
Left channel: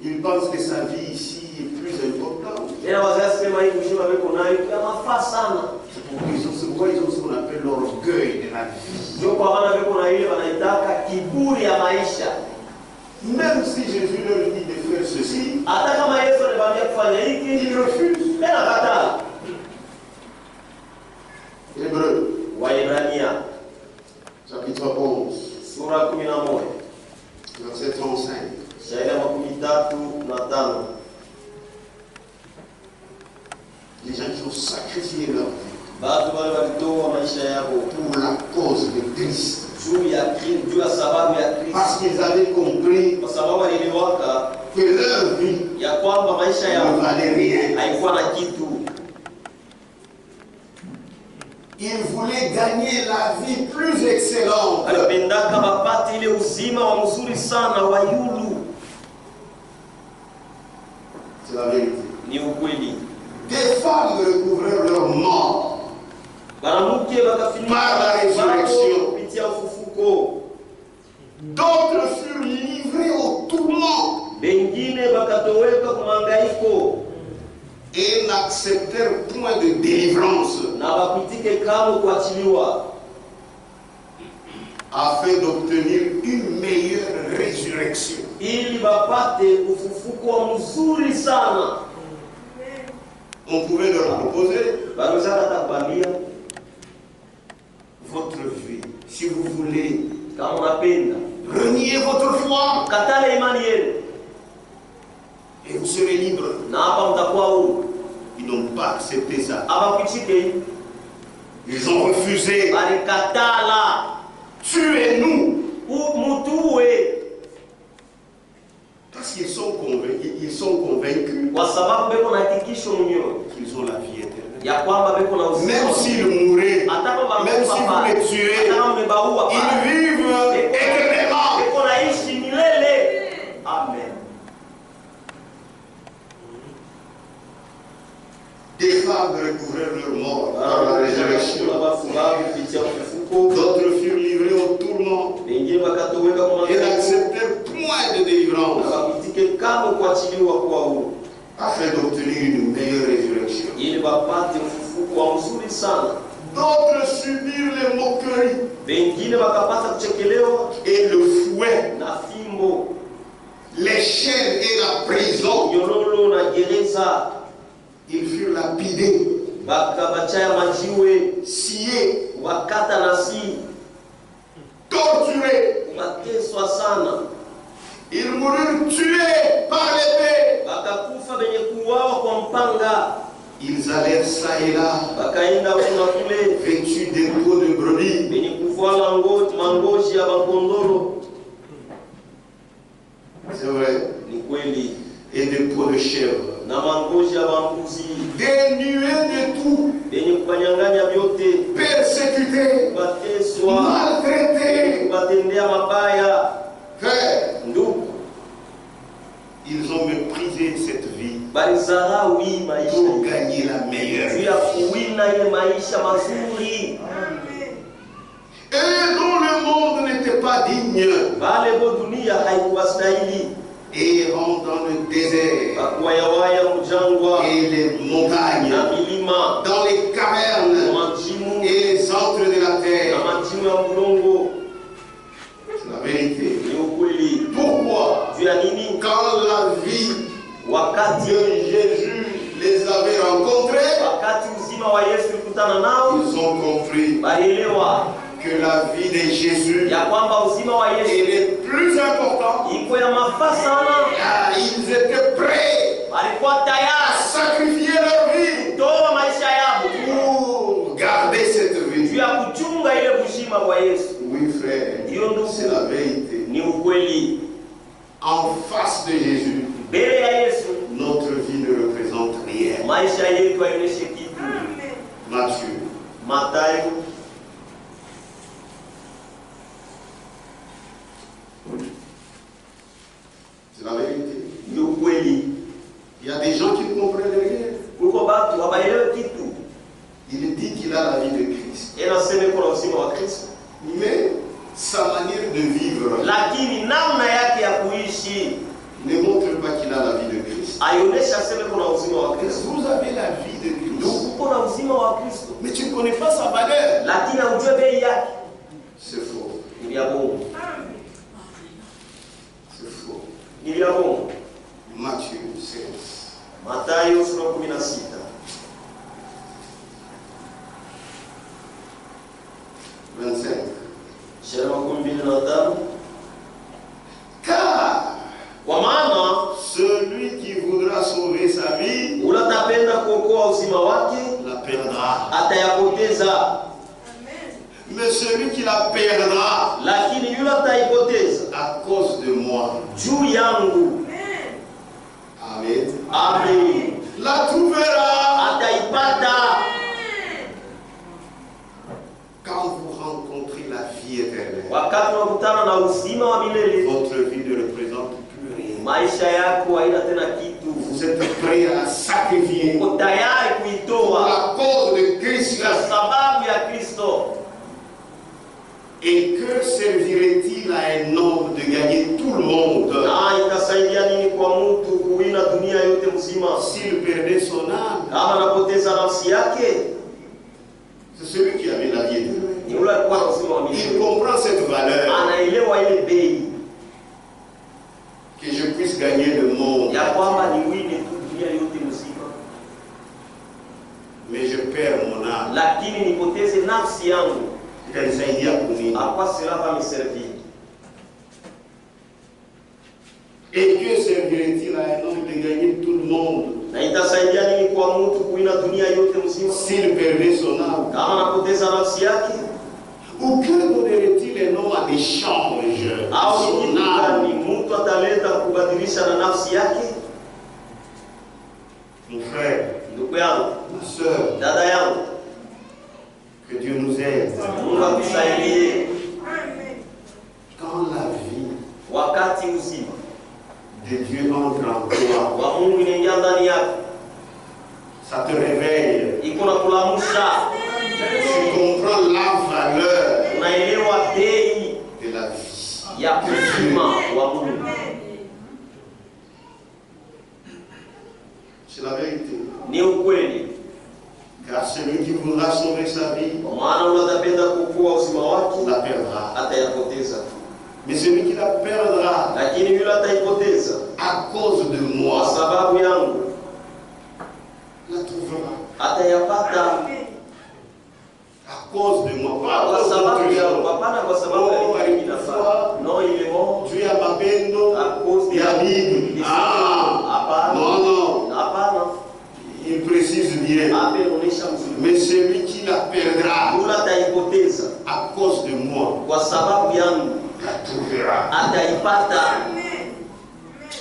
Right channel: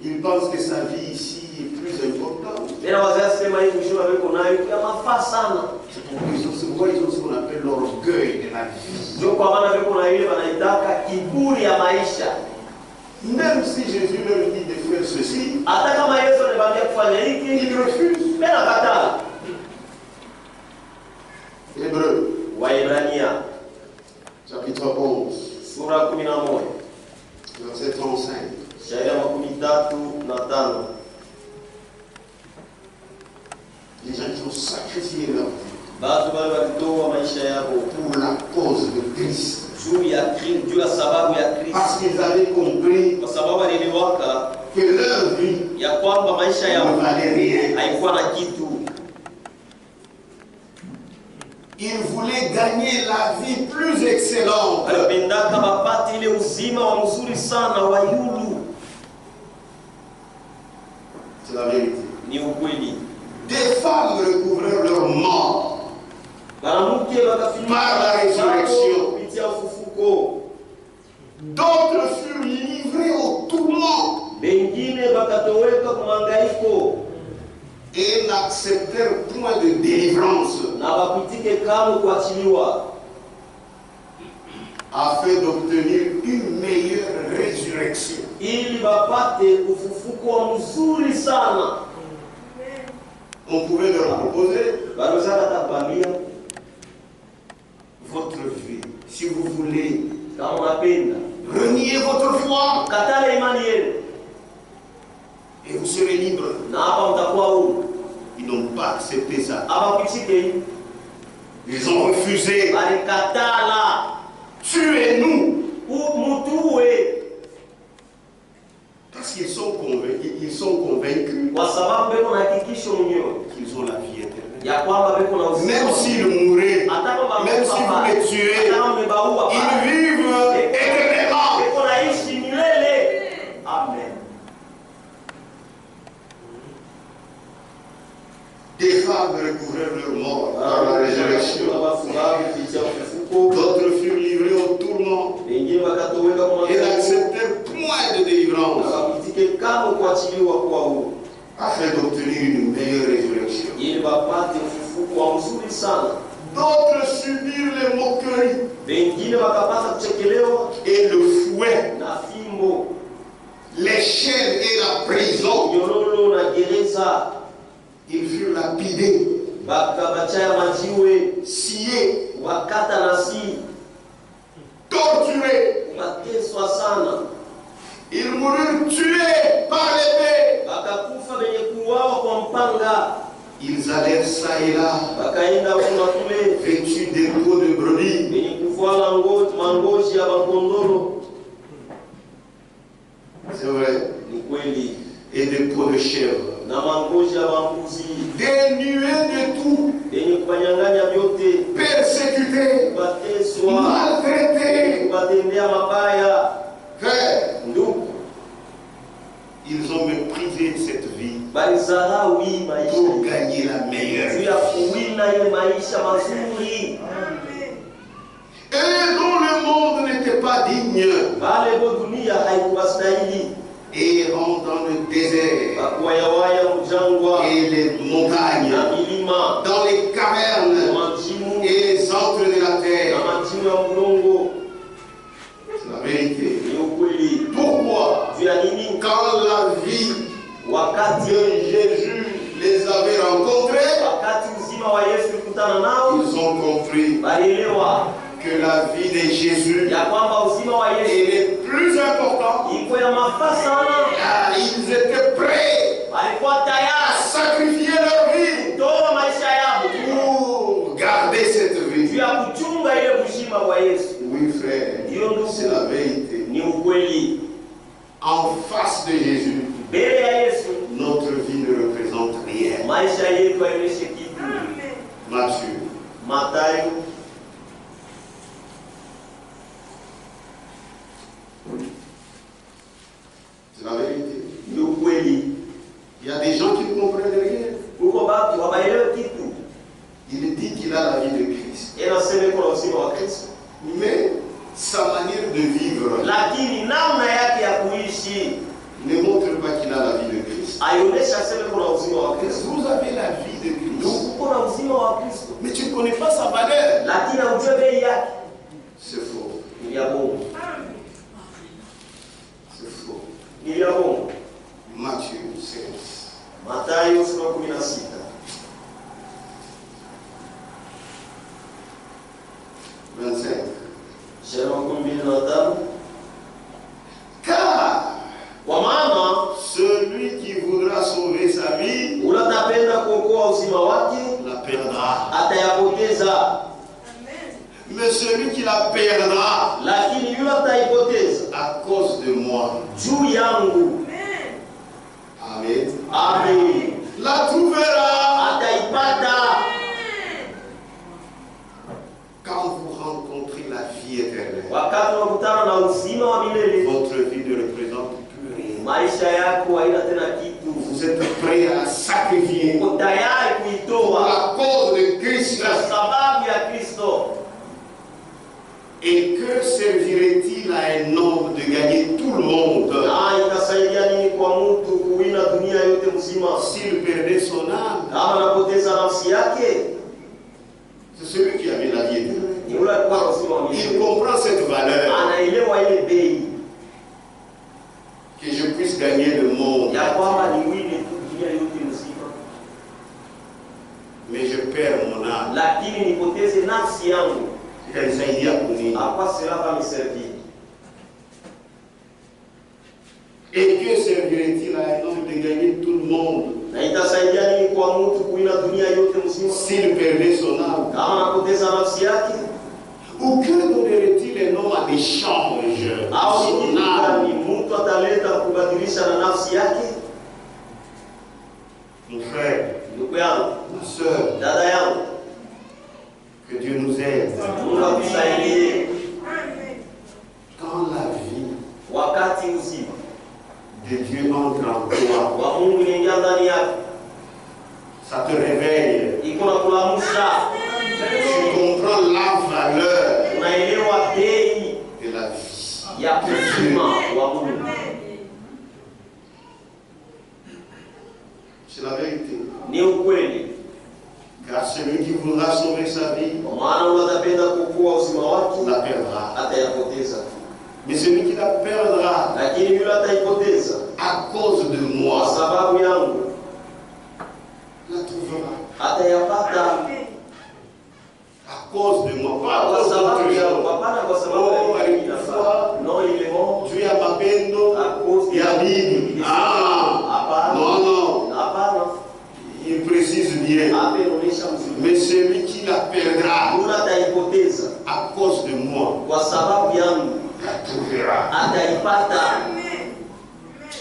Ils pensent que sa vie ici est plus importante. Tena wazazi sema hii uzima wako nayo ya mafaa sana. C'est pourquoi ils ont ce qu'on appelle l'orgueil de la vie. Ndio kwa maana wako na ile wanaitaka kiburi ya maisha. Même si Jésus leur dit de faire ceci, Hata kama Yesu anabambia kufanya hiki, ils refusent. tena kataa. Hébreu, Waebrania chapitre 11, sura 11 verset 35. shairi ya 35. Les gens qui ont sacrifié leur vie Batu wale walitoa maisha yao pour la cause de Christ. juu ya Kristo, juu ya sababu ya Kristo, Parce qu'ils avaient compris kwa sababu waliliwaka que leur vie ya kwamba maisha ne yao valait rien. haikuwa na kitu. Ils voulaient gagner la vie plus excellente. Walipendaka bapate ile uzima wa mzuri sana wa yulu. C'est la vérité. Ni ukweli. Des femmes recouvrèrent leur mort Banamuke bakafinika Par la résurrection. kupitia ufufuko. D'autres furent livrés au tourment Bengine bakatoweka kumangaiko et n'acceptèrent point de délivrance na bakutike kama kuachiliwa afin d'obtenir une meilleure résurrection. ili bapate ufufuko wa mzuri sana. On pouvait leur proposer Banaweza kukwambia votre vie. Si vous voulez kama unapenda renier votre foi katale imani yenu et vous serez libre. na hapa mtakuwa huru. Ils n'ont pas accepté ça. Abakuchike Ils ont refusé. balikatala Tuez-nous. mutue, Parce qu'ils sont convaincus kwa sababu beko na hakikisho mwenyewe qu'ils ont la vie éternelle. ya kwamba beko na uzima. Même s'ils mouraient, Hata kama même si vous les tuez, hata kama mmebaua ils vivent éternellement. beko naishi milele. Amen. Des femmes recouvrèrent leur mort par la résurrection. D'autres furent livrés au tourment et n'acceptèrent point de délivrance afin d'obtenir une meilleure résurrection. D'autres subirent les moqueries et le fouet, les chaînes et la prison. Ils furent lapidés, sciés, torturés. Ils moururent tués par l'épée. Ils allèrent ça et là, vêtus des peaux de brebis. C'est vrai. Et des peaux de chèvre. Dénués de tout, persécutés, maltraités. Frère, ils ont méprisé cette vie pour gagner la meilleure vie. Et dont le monde n'était pas digne, errant dans le désert et les montagnes, dans les cavernes et les antres de la terre. C'est la vérité. Pourquoi? Quand la vie de Jésus les avait rencontrés, ils ont compris que la vie de Jésus est plus importante. Ils étaient prêts à sacrifier leur vie pour garder cette vie. Oui, frère, c'est la vérité. En face de Jésus, notre vie ne représente rien. Matthieu. C'est la vérité. Il y a des gens qui ne comprennent rien. Il dit qu'il a la vie de Christ. Mais sa manière de vivre ne montre pas qu'il a la vie de Christ. Vous avez la vie de Christ, mais tu ne connais pas sa valeur. C'est faux. C'est faux. Matthieu 16. Mathayo 16. 25. Car kwa maana celui qui voudra sauver sa vie unatapenda kuokoa uzima wake la perdra. atayapoteza. Mais celui qui la perdra Lakini yule ataipoteza à cause de moi, juu yangu, amen, amen, la trouvera. ataipata. Quand vous rencontrez la vie éternelle, Wakati unakutana na uzima wa milele, votre vie ne représente plus rien. maisha yako haina tena kitu. Vous êtes prêt à la sacrifier Uko tayari pour kuitoa la cause de Christ. kwa sababu ya Kristo. Et que servirait-il à un homme de gagner tout le monde Na itasaidia nini kwa mtu kuwina dunia yote mzima s'il perdait son âme? kama anapoteza nafsi yake? C'est celui qui avait la vie éternelle. Ni yule alikuwa na uzima wa Il milele. comprend cette valeur, Anaelewa ile bei que je puisse gagner le monde, ya kwamba ni wini tu dunia yote mzima, mais je perds mon âme. lakini nipoteze nafsi yangu, Itanisaidia kunini? hapa sera va me servir. Et que servirait-il à un homme de gagner tout le monde Na itasaidia nini kwa mtu kuina dunia yote mzima s'il perdait son âme? kama anapoteza nafsi yake? Ou que donnerait-il un homme en échange de Au ni son kitu âme? gani mtu ataleta kubadilisha na nafsi yake? Mon frère, Ndugu yangu, ma soeur, dada yangu, que Dieu nous aide. Mungu atusaidie. Quand la vie Wakati uzima de Dieu entre en toi, wa Mungu inaingia ndani yako, ça te réveille. iko na kulamusha, Tu comprends la valeur unaelewa bei de la vie. ya uzima wa Mungu. C'est la vérité. Ni ukweli, Car celui qui voudra sauver sa vie kwa maana unatapenda kukua uzima wake la perdra. atayapoteza, Mais celui qui la perdra lakini yule ataipoteza à cause de kwa moi sababu yangu la trouvera. atayapata À cause de moi, pas à kwa cause sababu d'autre yangu, chose. hapana kwa sababu ya Oh, kitu kinafaa. No, ile mo Dieu a mapendo à cause ya Bible. Ah, hapana, non, non, hapana, il précise bien. hapa inaonyesha mzuri, Mais celui qui la perdra yule ataipoteza à cause de moi kwa sababu yangu la trouvera. ataipata.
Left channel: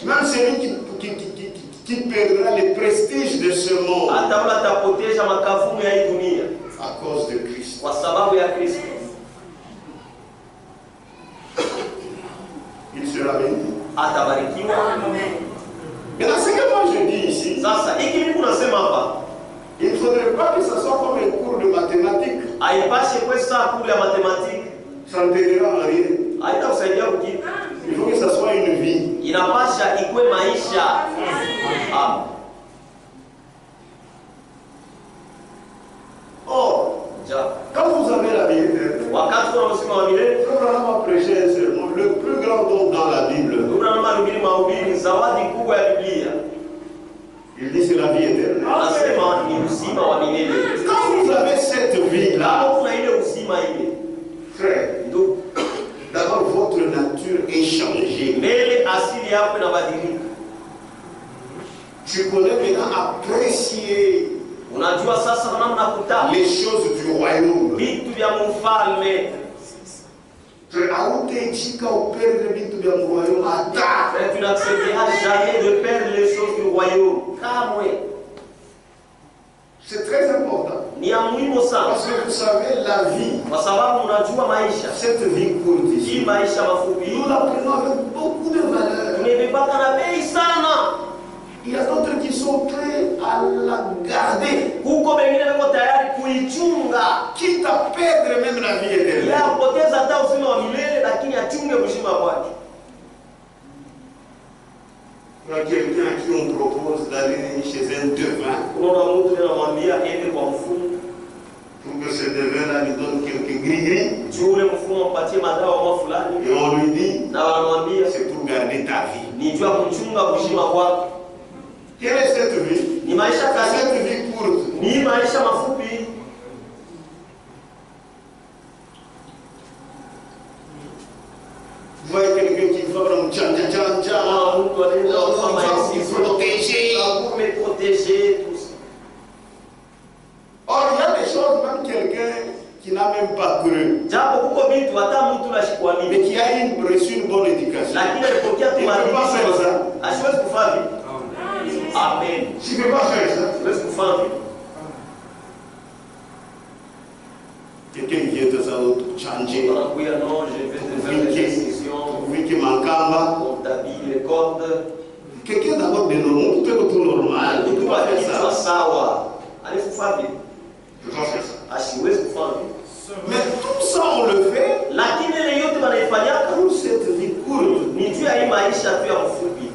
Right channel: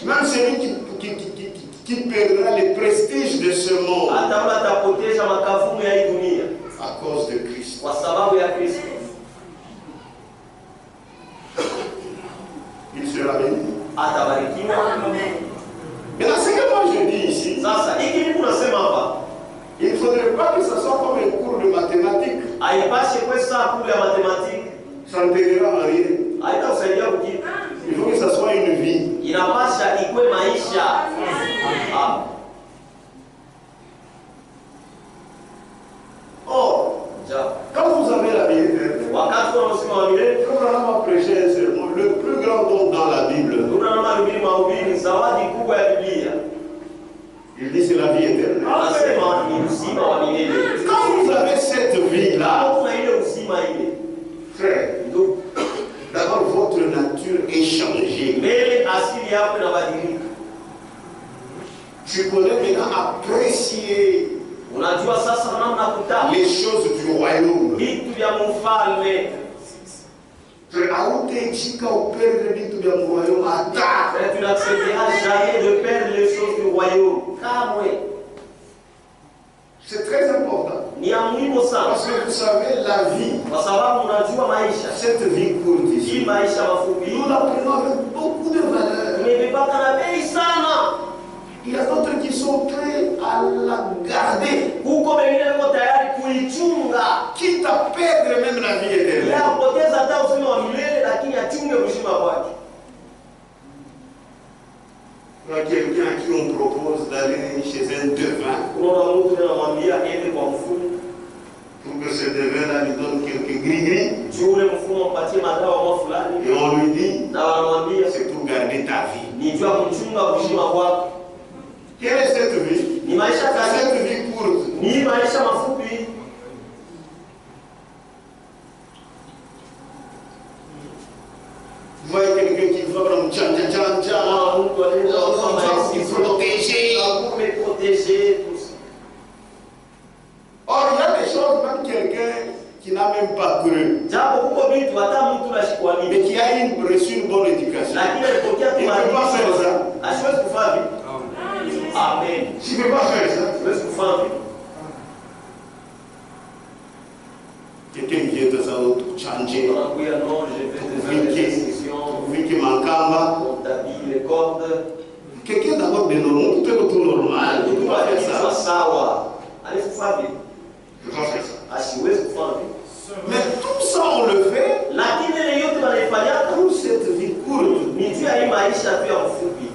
Même celui qui perdra le prestige de ce monde Hata yule atapoteza makavumu ya hii dunia à cause de Christ. kwa sababu ya Kristo, Il sera béni. atabarikiwa. Maintenant, ce que moi je dis ici, Sasa hiki Mungu nasema hapa, il ne faudrait pas que ça soit comme un cours de mathématiques. haipashe kwa saa kule ya matematiki, Ça ne t'aidera en rien. haitakusaidia kujibu. Il faut que ça soit une vie. Inapasha ikwe maisha. Ah. Or, Ja. quand vous avez la vie éternelle, Wakati wa msima wa milele, Abraham a prêché un sermon, le plus grand don dans la Bible. Biblia mahubiri mahubiri zawadi kubwa ya Biblia. Il dit c'est la vie éternelle. Anasema ni uzima wa milele. Quand vous avez cette vie-là, Kama kuna ile uzima ile, frère, ndio d'abord votre nature est changée. mbele asili yako inabadilika. Tu connais maintenant apprécier Unajua sasa namna kutaka les choses du royaume. vitu vya mfalme. Authentique au perdre vitu vya royaume ata. Mais tu n'accepteras jamais de perdre les choses du royaume. Kamwe. C'est très important. Ni ya muhimu sana. Parce que vous savez, la vie, Kwa sababu unajua maisha. cette vie courte Hii ici, maisha mafupi. nous la prenons avec beaucoup de valeur. Tumebebaka na bei sana. Il y a d'autres qui sont prêts à la garder, Huko wengine wako tayari kuichunga. quitte à perdre même la vie éternelle. Ya kupoteza hata uzima wa milele lakini achunge uzima wake. Il y a quelqu'un à qui on propose d'aller chez un devin Unaona mtu anamwambia ende kwa mfumo. pour que ce devin-là lui donne quelques gris-gris. Yule mfumo ampatie madawa fulani Et on lui dit, na wanamwambia c'est pour garder ta vie. ni jua kuchunga uzima wako. Quelle est cette vie? Ni maisha gani? Cette vie courte. Ni maisha mafupi. Vous voyez quelqu'un qui va prendre tchan. Ah, mtu anaenda kufanya Il hivi. faut protéger. Pour me protéger tout ça. Or, il y a des choses, même quelqu'un qui n'a même pas cru, Japo huko vitu hata mtu anashikwa mais nini. qui a reçu une bonne éducation. Lakini alipokea tu Il ne peut pas faire maadili. ça. Asiwezi kufanya vitu. Amen. Tu ne peux pas faire ça. Asiwezi kufanya vitu. Quelqu'un qui vient de ça, changer. Anakuya non, je vais te faire des décisions. Vu qu'il mancamba. On t'habille les cordes. Quelqu'un d'abord de normal, tout normal. Il ne peut pas faire Kichwa ça. sawa. Alifanya vitu. Il ne peut pas faire ça. Asiwezi kufanya vitu. Mais tout ça, on le fait Lakini ile yote wanaifanyaka pour cette vie courte. ni juu ya hii maisha tu ya mfupi.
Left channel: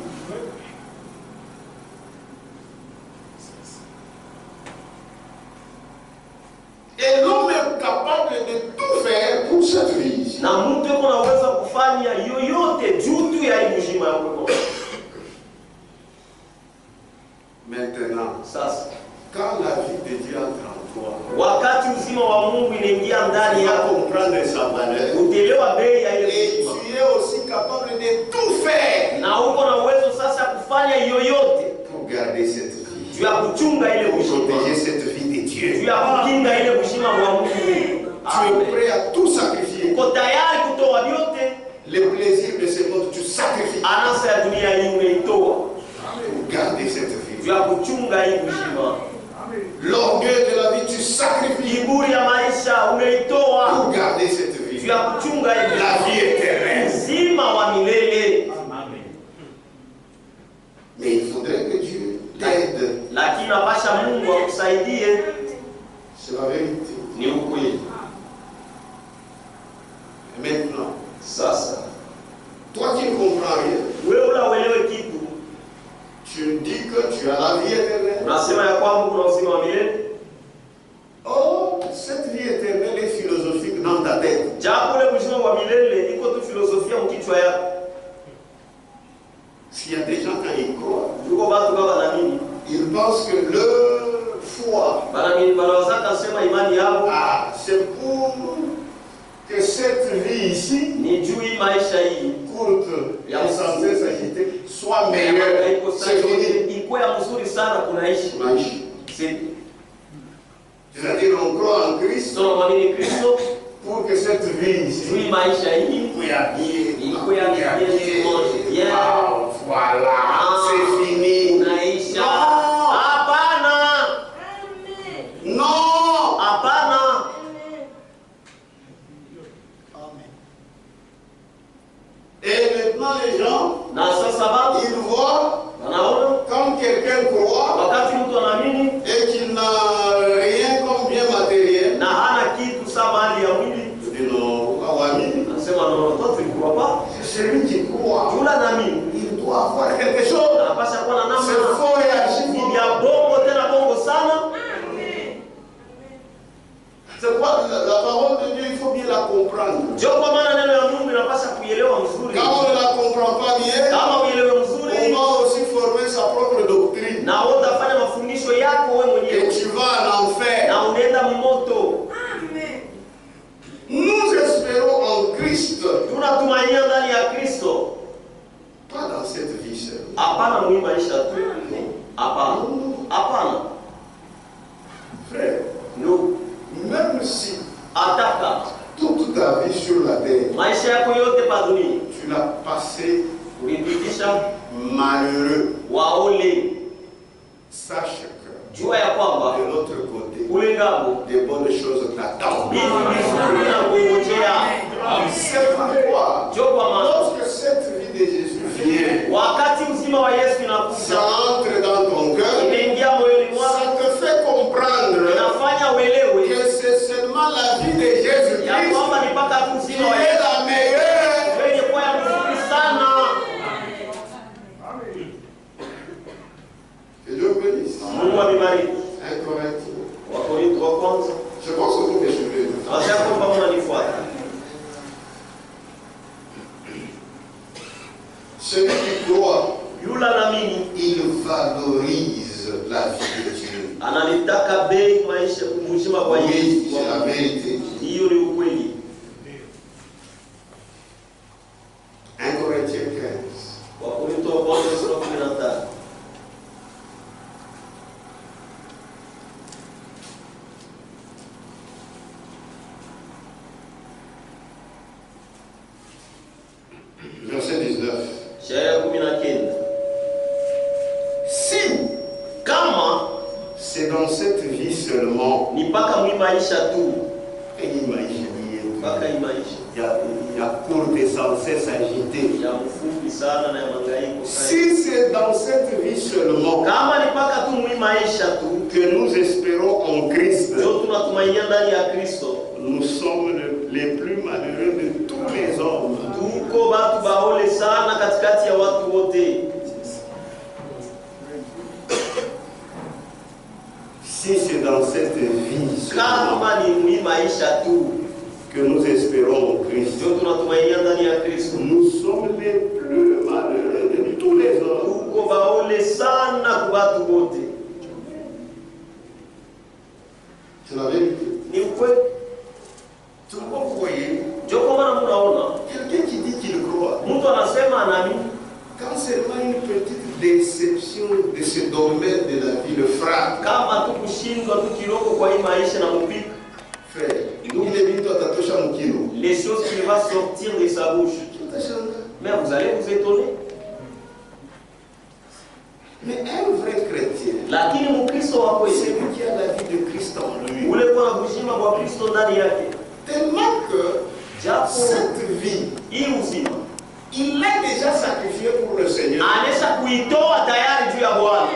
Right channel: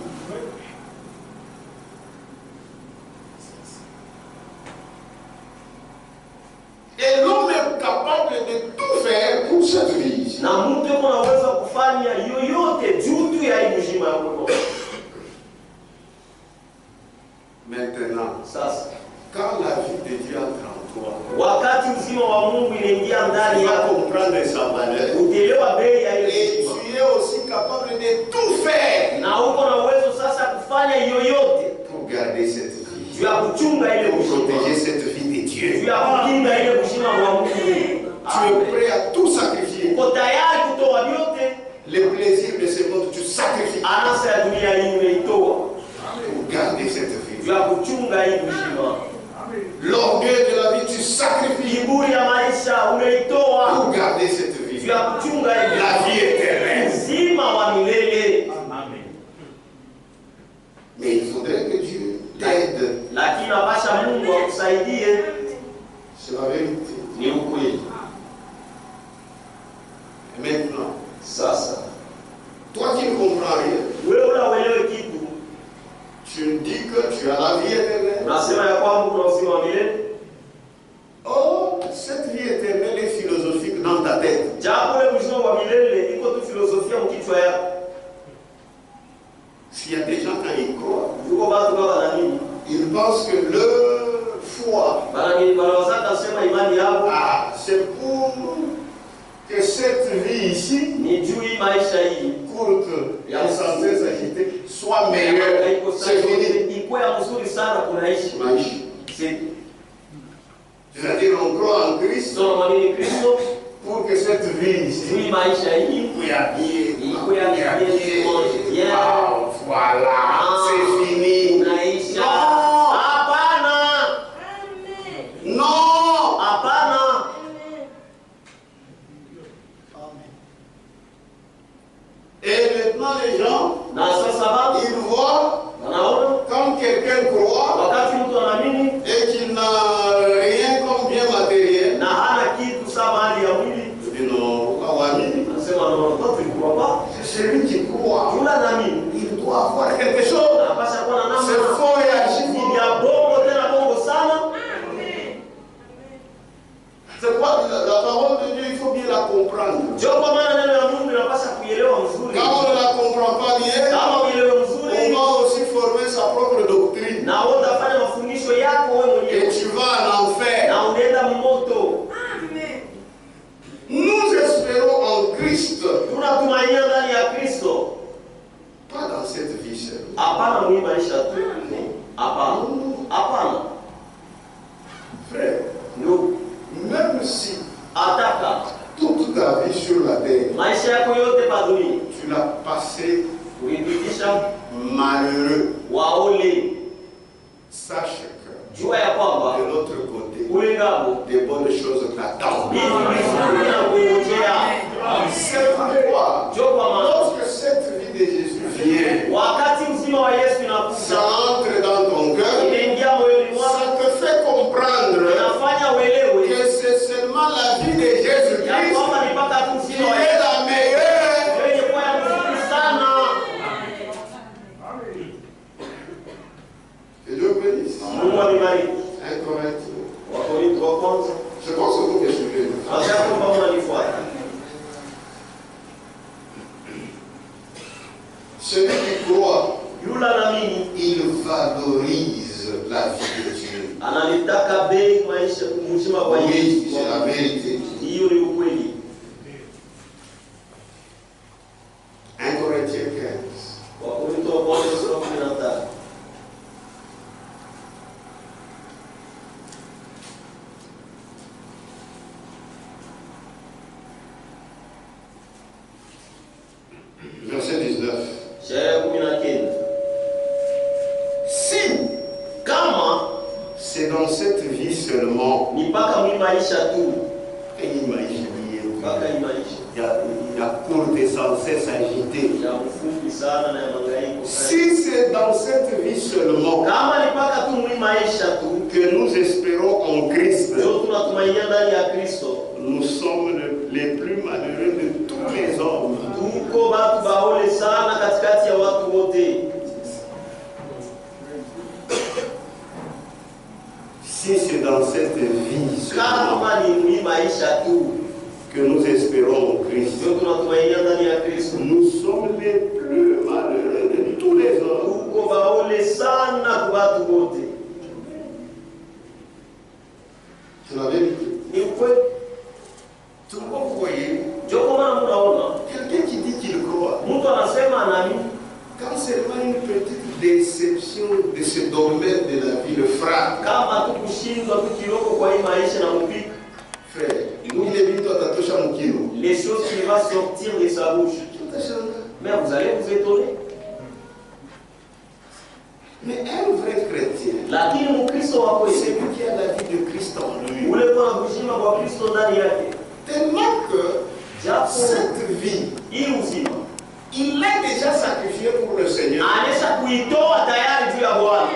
Et l'homme est capable de tout faire pour cette vie. Na mtu yuko anaweza kufanya yoyote juu tu ya hii mzima ya Mungu. Maintenant, Sasa quand la vie de Dieu entre en toi, wakati uzima wa Mungu inaingia ndani tu vas yako, comprendre sa valeur. utaelewa bei ya ile Et uzima. tu es aussi capable de tout faire Na uko na uwezo yoyote pour garder cette vie, juu ya kuchunga ile pour uzima, protéger cette vie de Dieu. juu ya kukinga ile uzima wa Mungu. Tu es prêt à tout sacrifier. Uko tayari kutoa vyote. Les plaisirs de ce monde, tu sacrifies Anasa ya dunia hii umeitoa pour garder cette vie. juu ya kuchunga hii uzima. L'orgueil de la vie, tu sacrifies Kiburi ya maisha umeitoa pour garder cette vie. juu ya kuchunga hii La vie éternelle. uzima wa milele. Mais il faudrait que Dieu t'aide. Lakini napasha Mungu akusaidie. C'est la vérité. Ni ukweli. Et maintenant, Sasa toi qui ne comprends rien, wewe unauelewe kitu, tu me dis que tu as la vie éternelle. unasema ya kwamba kuna uzima wa milele. Oh, cette vie éternelle est philosophique dans ta tête. Japo ule uzima wa milele iko tu filosofia mkichwa yako. S'il y a des gens quand ils croient, Yuko watu kama wanamini, ils pensent que leur foi, wanawazaka sema imani yao c'est pour que cette vie ici, ni juu hii maisha hii courte et censée s'agiter, soit meilleure. C'est fini. iko ya mzuri sana kunaishi. Maïchi. C'est-à-dire on croit en Christ Sio mwamini Kristo pour que cette vie juu ici, hii maisha hii iko ya bien, iko ya bien. Wow, voilà, c'est fini. Unaisha. Non. Hapana. Non. Hapana. Et maintenant les gens, Na sasa baba ils voient wanaona quand quelqu'un croit wakati mtu anaamini et qu'il n'a rien comme bien matériel, na hana kitu sawa mali ya mwili, je dis non, Awami, anasema no, toi tu ne crois pas. c'est celui qui croit. Jula naamini Il doit avoir quelque chose. anapasha kuwa na namna. C'est faux et archi Ni faux. vya bongo tena bongo sana. C'est quoi la parole de Dieu, il faut bien la comprendre. Ndio kwa maana neno la Mungu linapasha kuielewa mzuri. Quand on ne la comprend pas bien, Kama uielewe on mzuri va aussi former sa propre doctrine. na wewe utafanya mafundisho yako wewe Et mwenyewe tu vas en enfer. na unaenda mmoto. Nous espérons en Christ, Tunatumainia ndani ya Kristo. pas dans cette vie seule. Hapana mwi maisha tu. Hapana. Hapana. Frère, Ndugu, même si ataka toute ta vie sur la terre, maisha yako yote pa dunia tu l'as passé ulipitisha malheureux, waole, sache que jua ya kwamba de l'autre côté, ule ngabo des bonnes choses t'attendent. vitu vizuri na kungojea. C'est pourquoi, Ndio kwa maana lorsque cette vie de Jésus vient, wakati uzima wa Yesu ça inakuja entre dans ton cœur, imeingia moyoni ça mwako, te fait comprendre inafanya uelewe que c'est seulement la vie de ya Jésus-Christ kwamba ni mpaka tu qui uzima wa est Yesu la meilleure. ndio yenye kuwa ya mzuri sana. Que Dieu bénisse. Mungu amebariki. 1 Corinthiens. Wakorintho wa kwanza. Je pense que vous me suivez. Acha kwamba unanifuata. Celui qui croit, Yule anaamini il valorise la vie de Dieu. analitaka bei maisha uzima wa Oui, Yesu. c'est la vérité. Hiyo ni ukweli. 1 Corinthiens 15. Wakorintho wa kwanza sura 15. Verset 19. Shairi 19. Si Kama c'est dans cette vie seulement, ni mpaka mwi maisha tu, mpaka hii maisha il y a courte et sans cesse agité. ya mfupi sana na ya mangaiko sana. Si c'est dans cette vie seulement Kama ni mpaka tu mwi maisha tu que nous espérons en Christ, ndio tunatumainia ndani ya Kristo, nous sommes les plus malheureux de tous les hommes. tuko batu baole sana katikati ya watu wote. Si c'est dans cette vie seulement Kama ni mwi maisha tu que nous espérons en Christ, ndio tunatumainia ndani ya Kristo, nous sommes les plus malheureux de tous les hommes. tuko baole sana kwa watu wote. C'est la vérité. Ni ukweli. Pourquoi vous voyez Ndio kwa maana mnaona quelqu'un qui dit qu'il croit, mtu anasema anaamini quand seulement une petite déception question de ce domaine de la vie le frappe. Kama tukushindwa tukiloko kwa hii maisha na mupika. Frère, les choses qui vont sortir de sa bouche. Mais vous allez vous étonner. Mais un vrai chrétien, lakini mkristo wa kweli, c'est lui qui a la vie de Christ en lui. Ule kwa kuzima kwa Kristo ndani yake. Tellement que cette vie, hii uzima, il l'a déjà sacrifié pour le Seigneur. Anesha kuitoa tayari juu ya Bwana.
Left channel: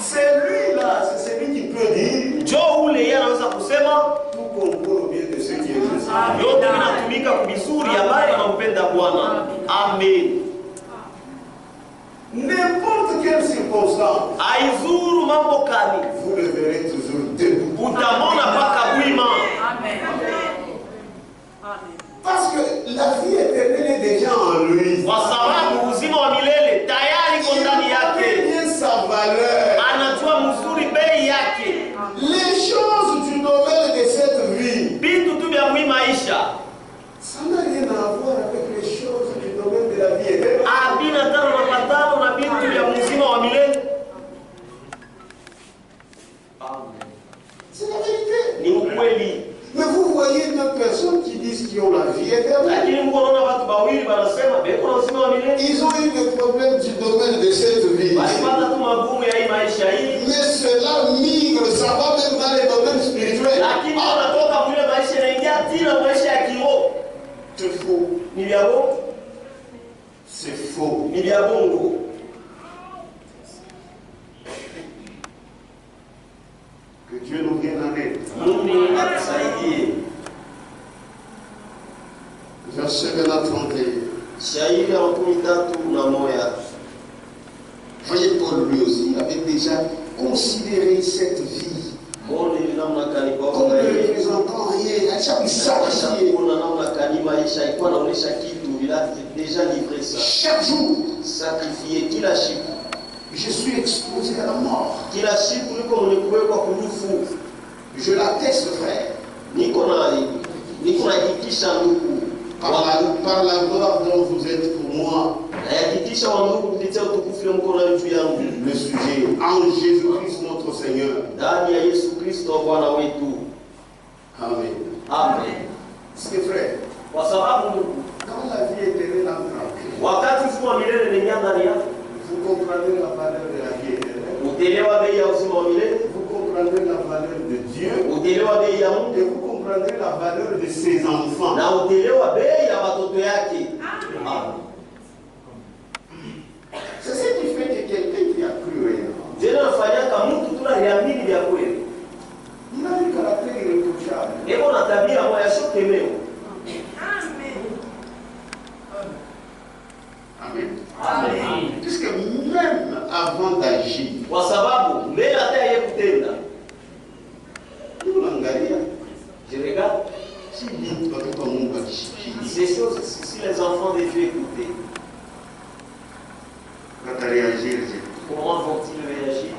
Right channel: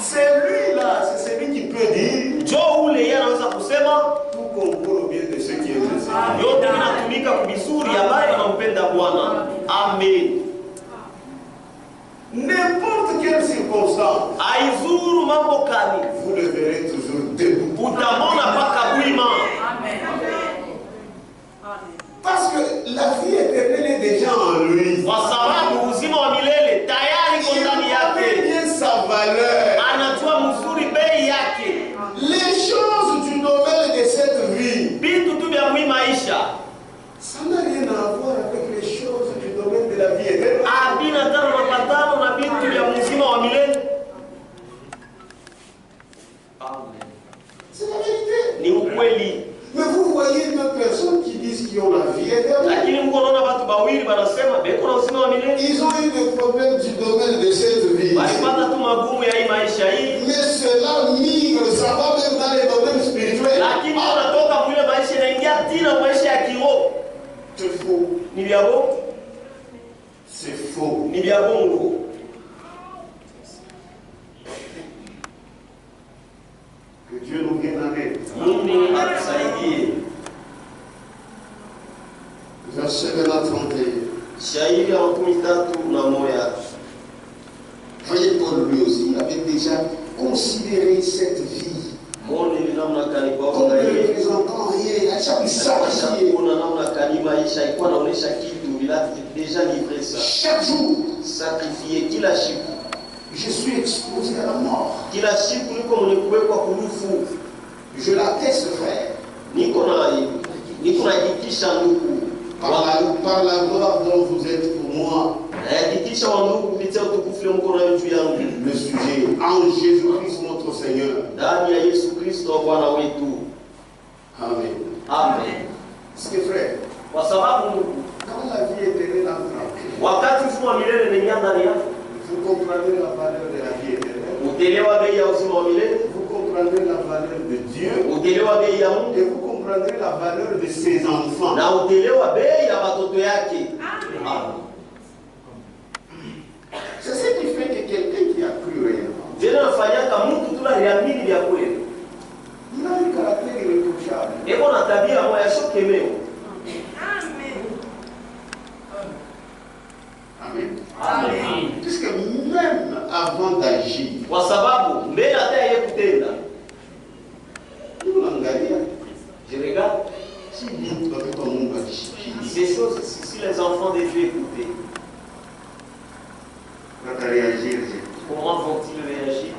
C'est lui là, c'est celui qui peut dire. Njoo ule yeye anaweza kusema tout concourt au bien de ceux qui aiment le Seigneur. Yote vinatumika vizuri ambaye wanampenda Bwana. Amen. N'importe quelle circonstance, aizuru mambo kani, vous le verrez toujours debout. Utamona paka bwima. Amen. Parce que la vie éternelle est déjà en lui. Kwa sababu uzima wa milele tayari iko ndani yake. Bien sa valeur. Anajua mzuri bei yake. Les choses du domaine de cette vie, vitu tu vya mwi maisha, ça n'a rien à voir avec les choses du domaine de la vie éternelle. Abina tano mapatano na vitu vya mzima wa milele. Amen. C'est la vérité. Ni ukweli. Mais vous voyez deux personnes qui disent qu'ils ont la vie éternelle. Lakini mko naona watu bawili wanasema beko na uzima wa milele. Ils ont eu des problèmes du domaine de cette vie. Walipata tu magumu ya hii maisha hii. Mais cela migre, ça va même dans les domaines spirituels. Lakini wanatoka mwile maisha inaingia tena maisha ya kiroho. C'est faux. Ni vya bongo. C'est faux. Ni vya bongo. Que Dieu nous vienne en aide. Mungu atusaidie. Verset 31. Shairi ya makumi tatu na moja. Voyez, Paul lui aussi avait déjà considéré cette vie Mbona ili namna kani kwa comme ne Mungu. représentant rien. À chaque sacrifié. Kuna namna kani maisha ilikuwa inaonyesha kitu bila déjà livré ça. Chaque jour, Sacrifier kila siku. je suis exposé à la mort. Kila siku niko mwenye kuwekwa kurufu. Je l'atteste, frère. Niko najitisha ndugu. Par la gloire dont vous êtes pour moi. Najitisha wa ndugu kupitia utukufu ile mko nayo juu yangu. Le sujet en Jésus-Christ notre Seigneur. Ndani ya Yesu Kristo Bwana wetu. Amen. Amen. Parce que frère, Kwa sababu ndugu, quand la vie éternelle entre, wakati uzima wa milele ni ndani yako, vous comprendrez la valeur de la vie éternelle. utelewa bei ya uzima wa milele, Vous comprendrez la valeur de Dieu. utelewa bei ya Mungu, Et vous comprendrez la valeur de ses enfants. na utelewa bei ya watoto yake. Amen. C'est ce qui fait que quelqu'un qui a cru réellement, Jana nafanyaka mtu tunaliamini vya kweli. il a un caractère irréprochable. Eko na tabia moja ya shokemeo. Amen. Amen. Puisque même avant d'agir, Kwa sababu mbele hata yeye kutenda. nous l'angalia. Je regarde Si vite, watoto wa Mungu akishikia, ces choses, si les enfants de Dieu écoutaient, watareagir. comment vont-ils réagir?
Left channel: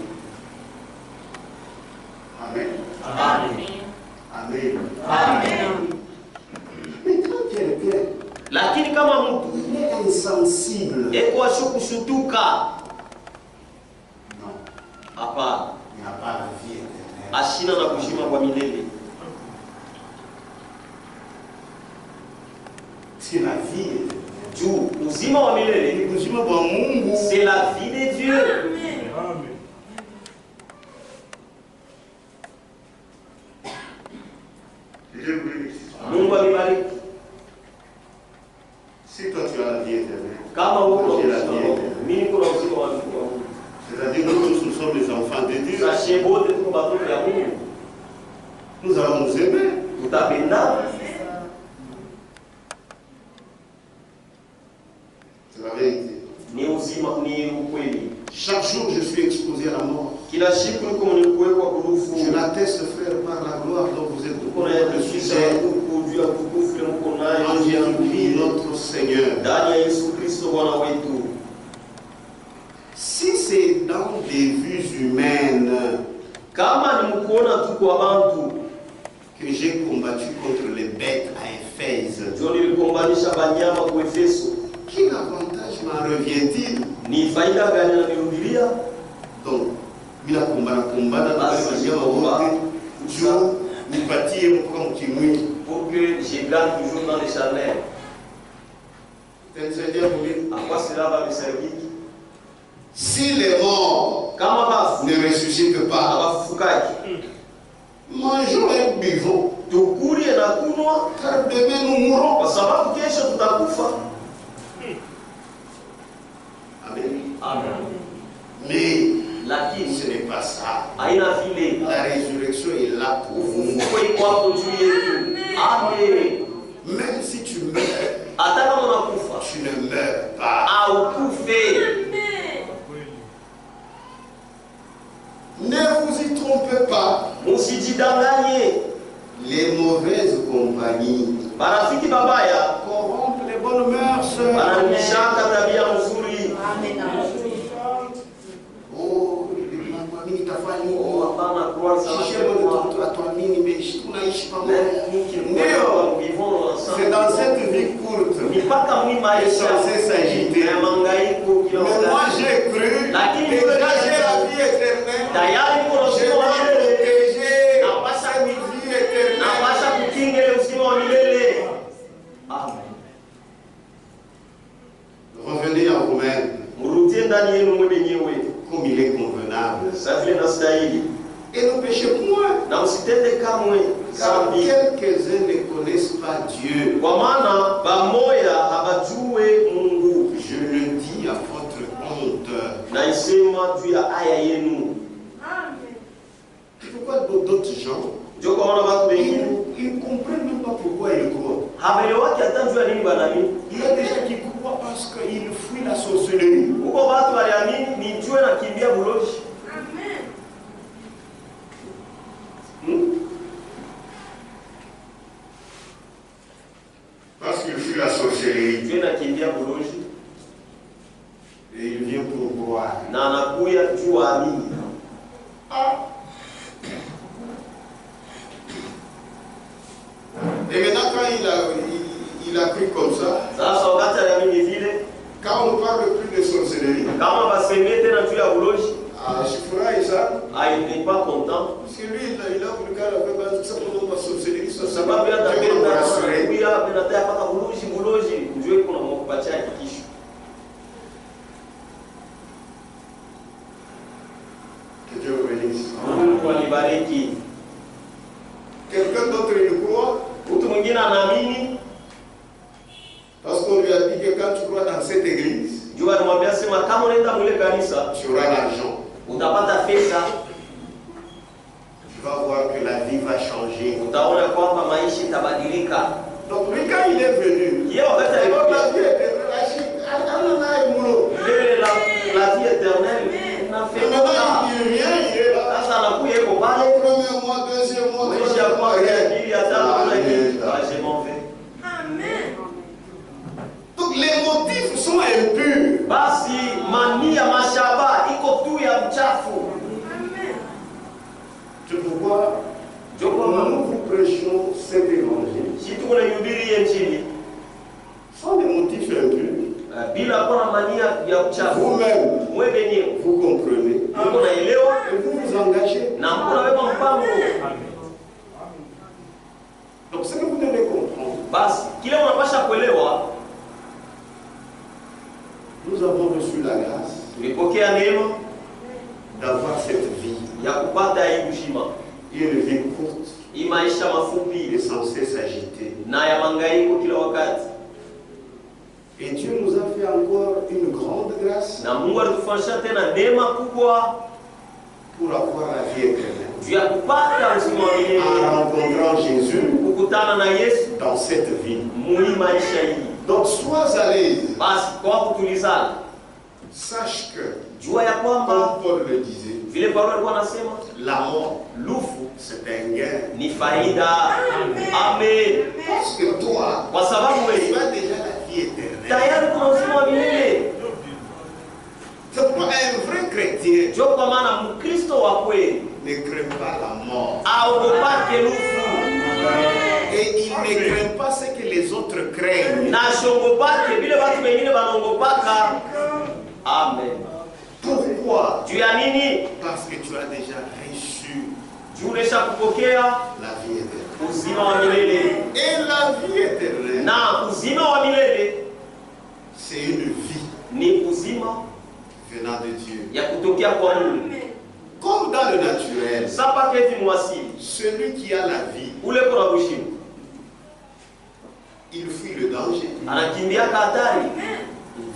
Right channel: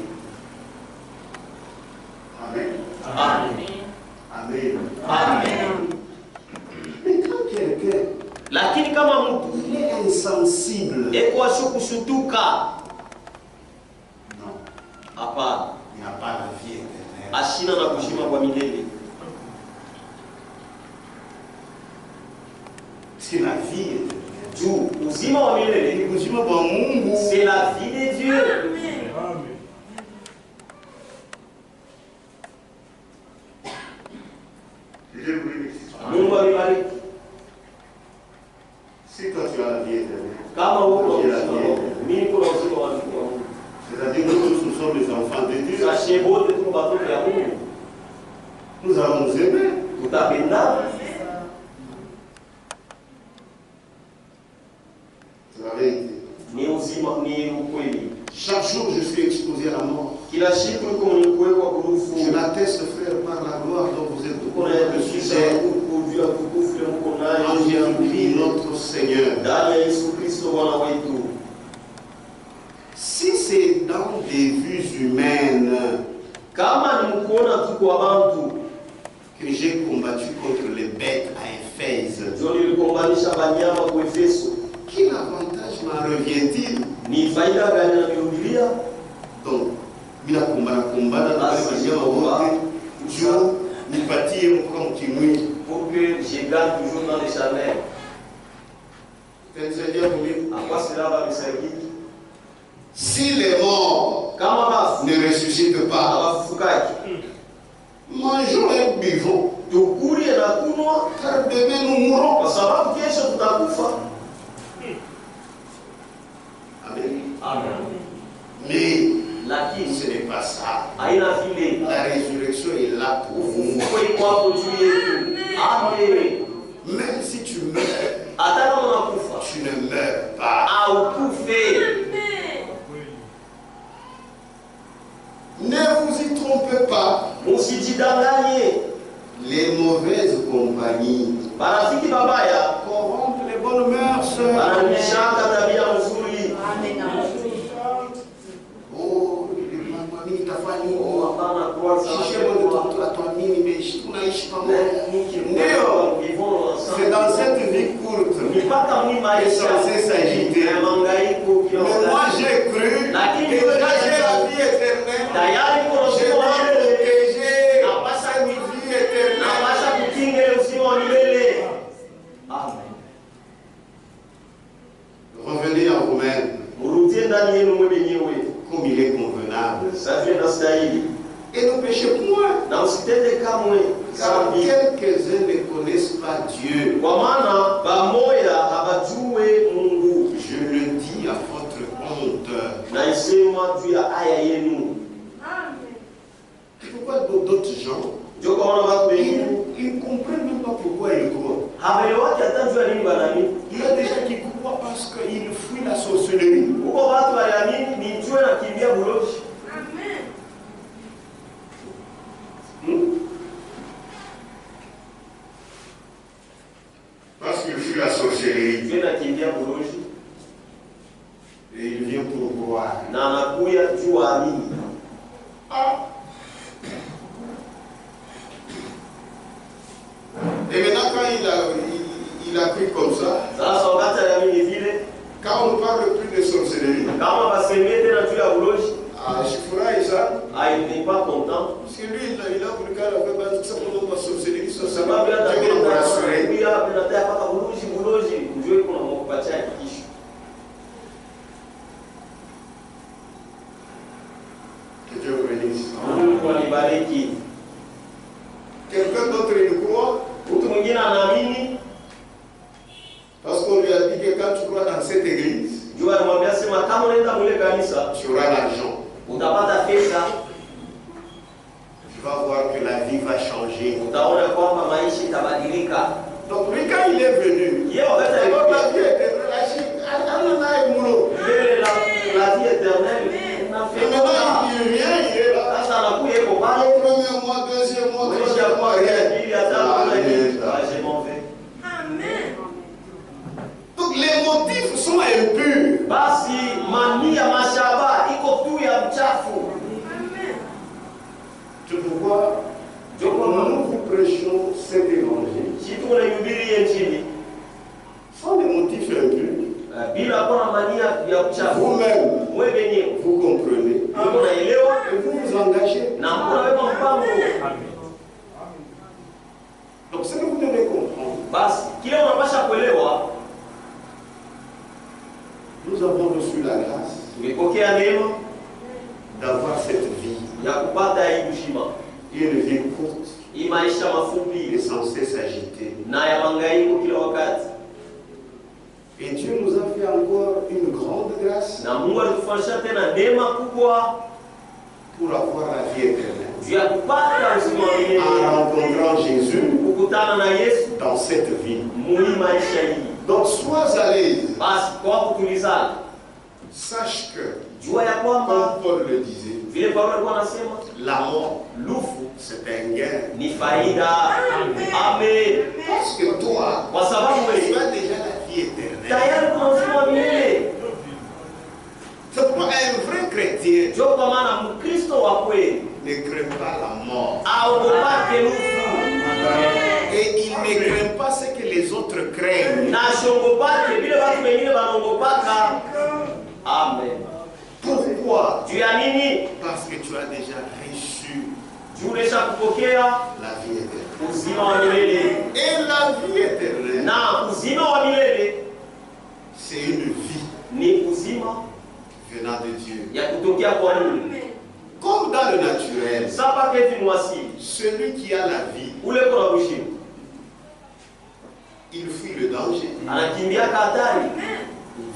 Amen. Amen. Amen. Amen. Mais quand quelqu'un Lakini kama mtu il est insensible, eko ashukushutuka, non, hapana, il n'a pas la vie éternelle. ashina na kushima kwa milele. C'est la vie éternelle. Juu uzima wa milele Ni uzima wa Mungu. c'est la vie de Dieu. Je vous dis, Mungu amebariki. si toi tu as la vie éternelle, Kama uko j'ai na la vie uzima, éternelle. mimi niko na uzima wa Mungu. C'est-à-dire que nous sommes les enfants de Dieu. Sashe bote tuko batoto ya Mungu. Nous allons nous aimer. Tutapendana. C'est la vérité. Ni uzima, ni ukweli. Chaque jour, je suis exposé à la mort. Kila siku niko mwenye kuwekwa kurufu. Je l'atteste, frère, par la gloire dont vous êtes Tuko na yakisha kujua tukufu ile mko nayo en juu yangu. Jésus-Christ, notre Seigneur. Ndani ya Yesu Kristo Bwana wetu. Si c'est dans des vues humaines Kama ni mkuona tu kwa bantu, que j'ai combattu contre les bêtes à Éphèse, ndio nilikombanisha banyama kwa Efeso. quel avantage m'en revient-il? Ni faida gani na nihubiria? Donc, bila kumbana pour que je gagne toujours dans l'éternel. À quoi cela va me servir? Si les morts ne ressuscitent pas, mangeons et buvons. Car demain nous mourrons. Amen. Mais ce n'est pas ça. La résurrection est là pour vous. Même si tu meurs, tu ne meurs pas. Ne vous y trompez pas. Les mauvaises compagnies corrompent les bonnes mœurs. C'est dans cette vie courte qui est censé s'agiter. Mais moi j'ai cru, déjà j'ai la vie éternelle. J'ai été protégé par cette vie éternelle. Amen. Revenez en vous-même. Comme il est convenable. Et ne péchez point. Car quelques-uns ne connaissent pas Dieu. Je le dis à votre honte. Pourquoi d'autres gens ils ne comprennent même pas pourquoi ils croient. Il y a des gens qui croient parce qu'ils fuient la sorcellerie. Parce qu'il fuit la sorcellerie. Et il vient pour croire. Et maintenant, quand il a cru comme ça, quand on ne parle plus de sorcellerie, Shifura Isa, il n'est pas content. Parce que lui, il a voulu qu'elle avait simplement pas sorcellerie, ça sababu va bien rassurer. Que Dieu vous bénisse. Quelqu'un d'autre il croit? Parce qu'on lui a dit que quand tu crois dans cette église, tu auras l'argent. Tu vas voir que la vie va changer. Donc lui, quand il est venu, la vie éternelle, maintenant il vient, il est là. Premier mois, deuxième mois, troisième mois, rien. Donc les motifs sont impurs. C'est pourquoi nous vous prêchons cet évangile sans des motifs impurs. Vous-même, vous comprenez et vous vous engagez. Donc ce que vous devez comprendre, nous avons reçu la grâce d'avoir cette vie. Une vie courte est censée s'agiter. Et Dieu nous a fait encore une grande grâce pour avoir la vie éternelle. En rencontrant Jésus dans cette vie. Donc sois à l'aise. Sache que, comme Paul le disait, la mort, c'est un gain. Parce que toi, tu as déjà la vie éternelle. C'est pour un vrai chrétien ne craint pas la mort. Et il ne craint pas ce que les autres craignent. Amen. Pourquoi? Pourquoi? Juu ya nini? Parce que tu as déjà reçu Juu umeshakupokea la vie éternelle. uzima wa milele. Et la vie éternelle, Na uzima wa milele c'est une vie ni uzima venant de Dieu. ya kutokea kwa Mungu. Comme dans le naturel, Sapa kevi mwasili. celui qui a la vie, Ule kuna bushimu. il fuit le danger. Anakimbia hatari.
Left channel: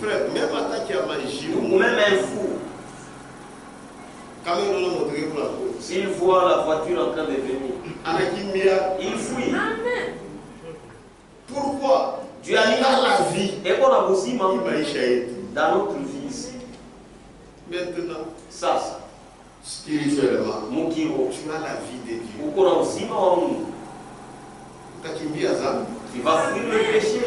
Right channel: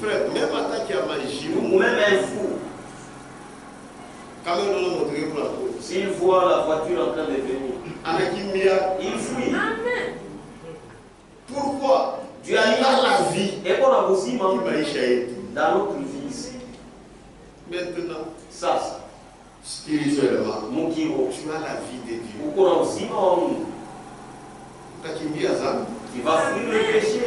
Frère, même attaque à magie, Ou même un fou. quand même on a montré pour la peau. S'il voit la voiture en train de venir, Anakimia. il fuit. Pourquoi? Dieu a Il mis a la vie. Et qu'on a aussi Il maisha yetu. dans notre vie ici. Maintenant, Sasa, spirituellement, mukiro, tu as la vie de Dieu. uko na uzima wa Mungu. Utakimbia dhambi. Tu vas fuir le péché.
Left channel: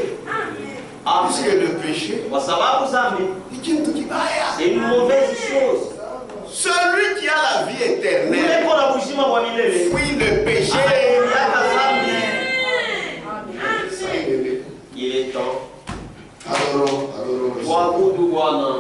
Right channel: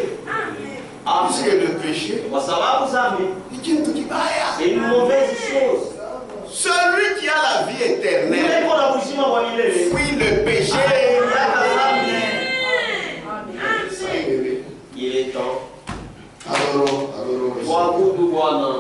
Puisque Amen. le péché, Kwa sababu zambi ni kitu kibaya. c'est une mauvaise chose. Celui qui a la vie Ule éternelle uko na uzima wa milele. fuit le péché. Anakimbia zambi. Ça, bébé. Il est temps. Adorons le Seigneur. Tuabudu Bwana.